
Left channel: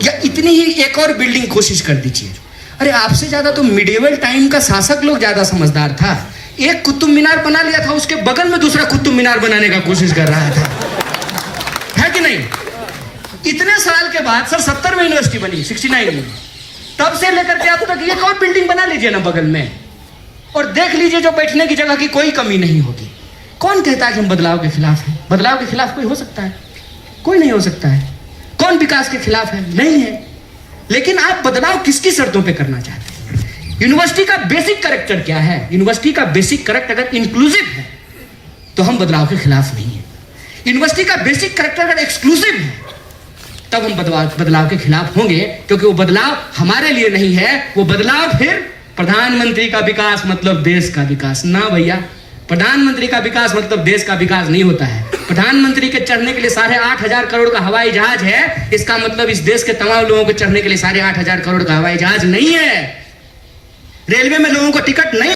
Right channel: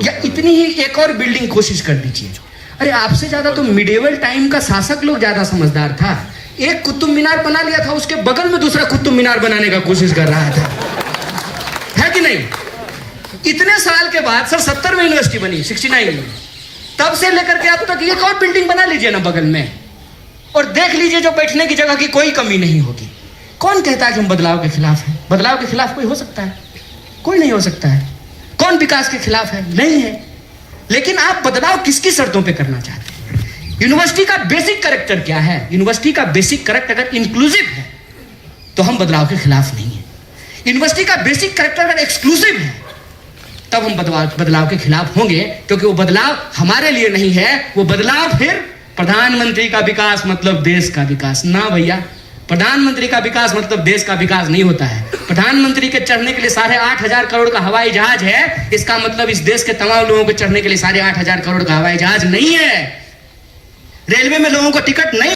या इतनी ही एक और बिल्डिंग कोशिश कर दीजिए। अरे आपसे ज्यादा तो मिडिवल टाइम का शासक लोग ज्यादा समझदार था। एक कुतुब मीनार बना लिया था, उसके बगल में दूसरा कुतुब मीनार बनाने का कोशिश कर रहा था, है कि नहीं? इतने साल के बाद सर 70 में यूनिवर्सिटी बनी, 69 में, तब से लेकर के अब तक एक और बिल्डिंग बना लीजिए ना बगल में, और देख लीजिए जो बैठने की जगह की कोई कमी नहीं होगी। कौन कहता है कि हम बदलाव के खिलाफ हैं? बदलाव के खिलाफ कोई हो सकता है? कोई नहीं हो सकता है। कौन विकास के खिलाफ है? नहीं है। लेकिन आप बदलाव किसकी शर्तों पे करना चाहते हैं? यूनिवर्सिटी का बेसिक कैरेक्टर क्या है? यूनिवर्सिटी का बेसिक कैरेक्टर अगर इंक्लूसिव है तो हम बदलाव के खिलाफ नहीं है। यूनिवर्सिटी का बेसिक कैरेक्टर अगर एक्सक्लूसिव है तब हम बदलाव के खिलाफ होंगे, क्योंकि वो बदलाव हमारे लिए नहीं है। वो बदलाव फिर प्रधानमंत्री का विकास मतलब देश का विकास ना भैया। प्रधानमंत्री का विकास मतलब देश का विकास नहीं होता है। प्रधानमंत्री के चढ़ने के लिए 8,500 करोड़ का हवाई जहाज है, इसका मतलब इस देश के तमाम लोगों को चढ़ने के लिए 8,500 करोड़ का हवाई जहाज नहीं है। रेलवे में लोगों को टिकट नहीं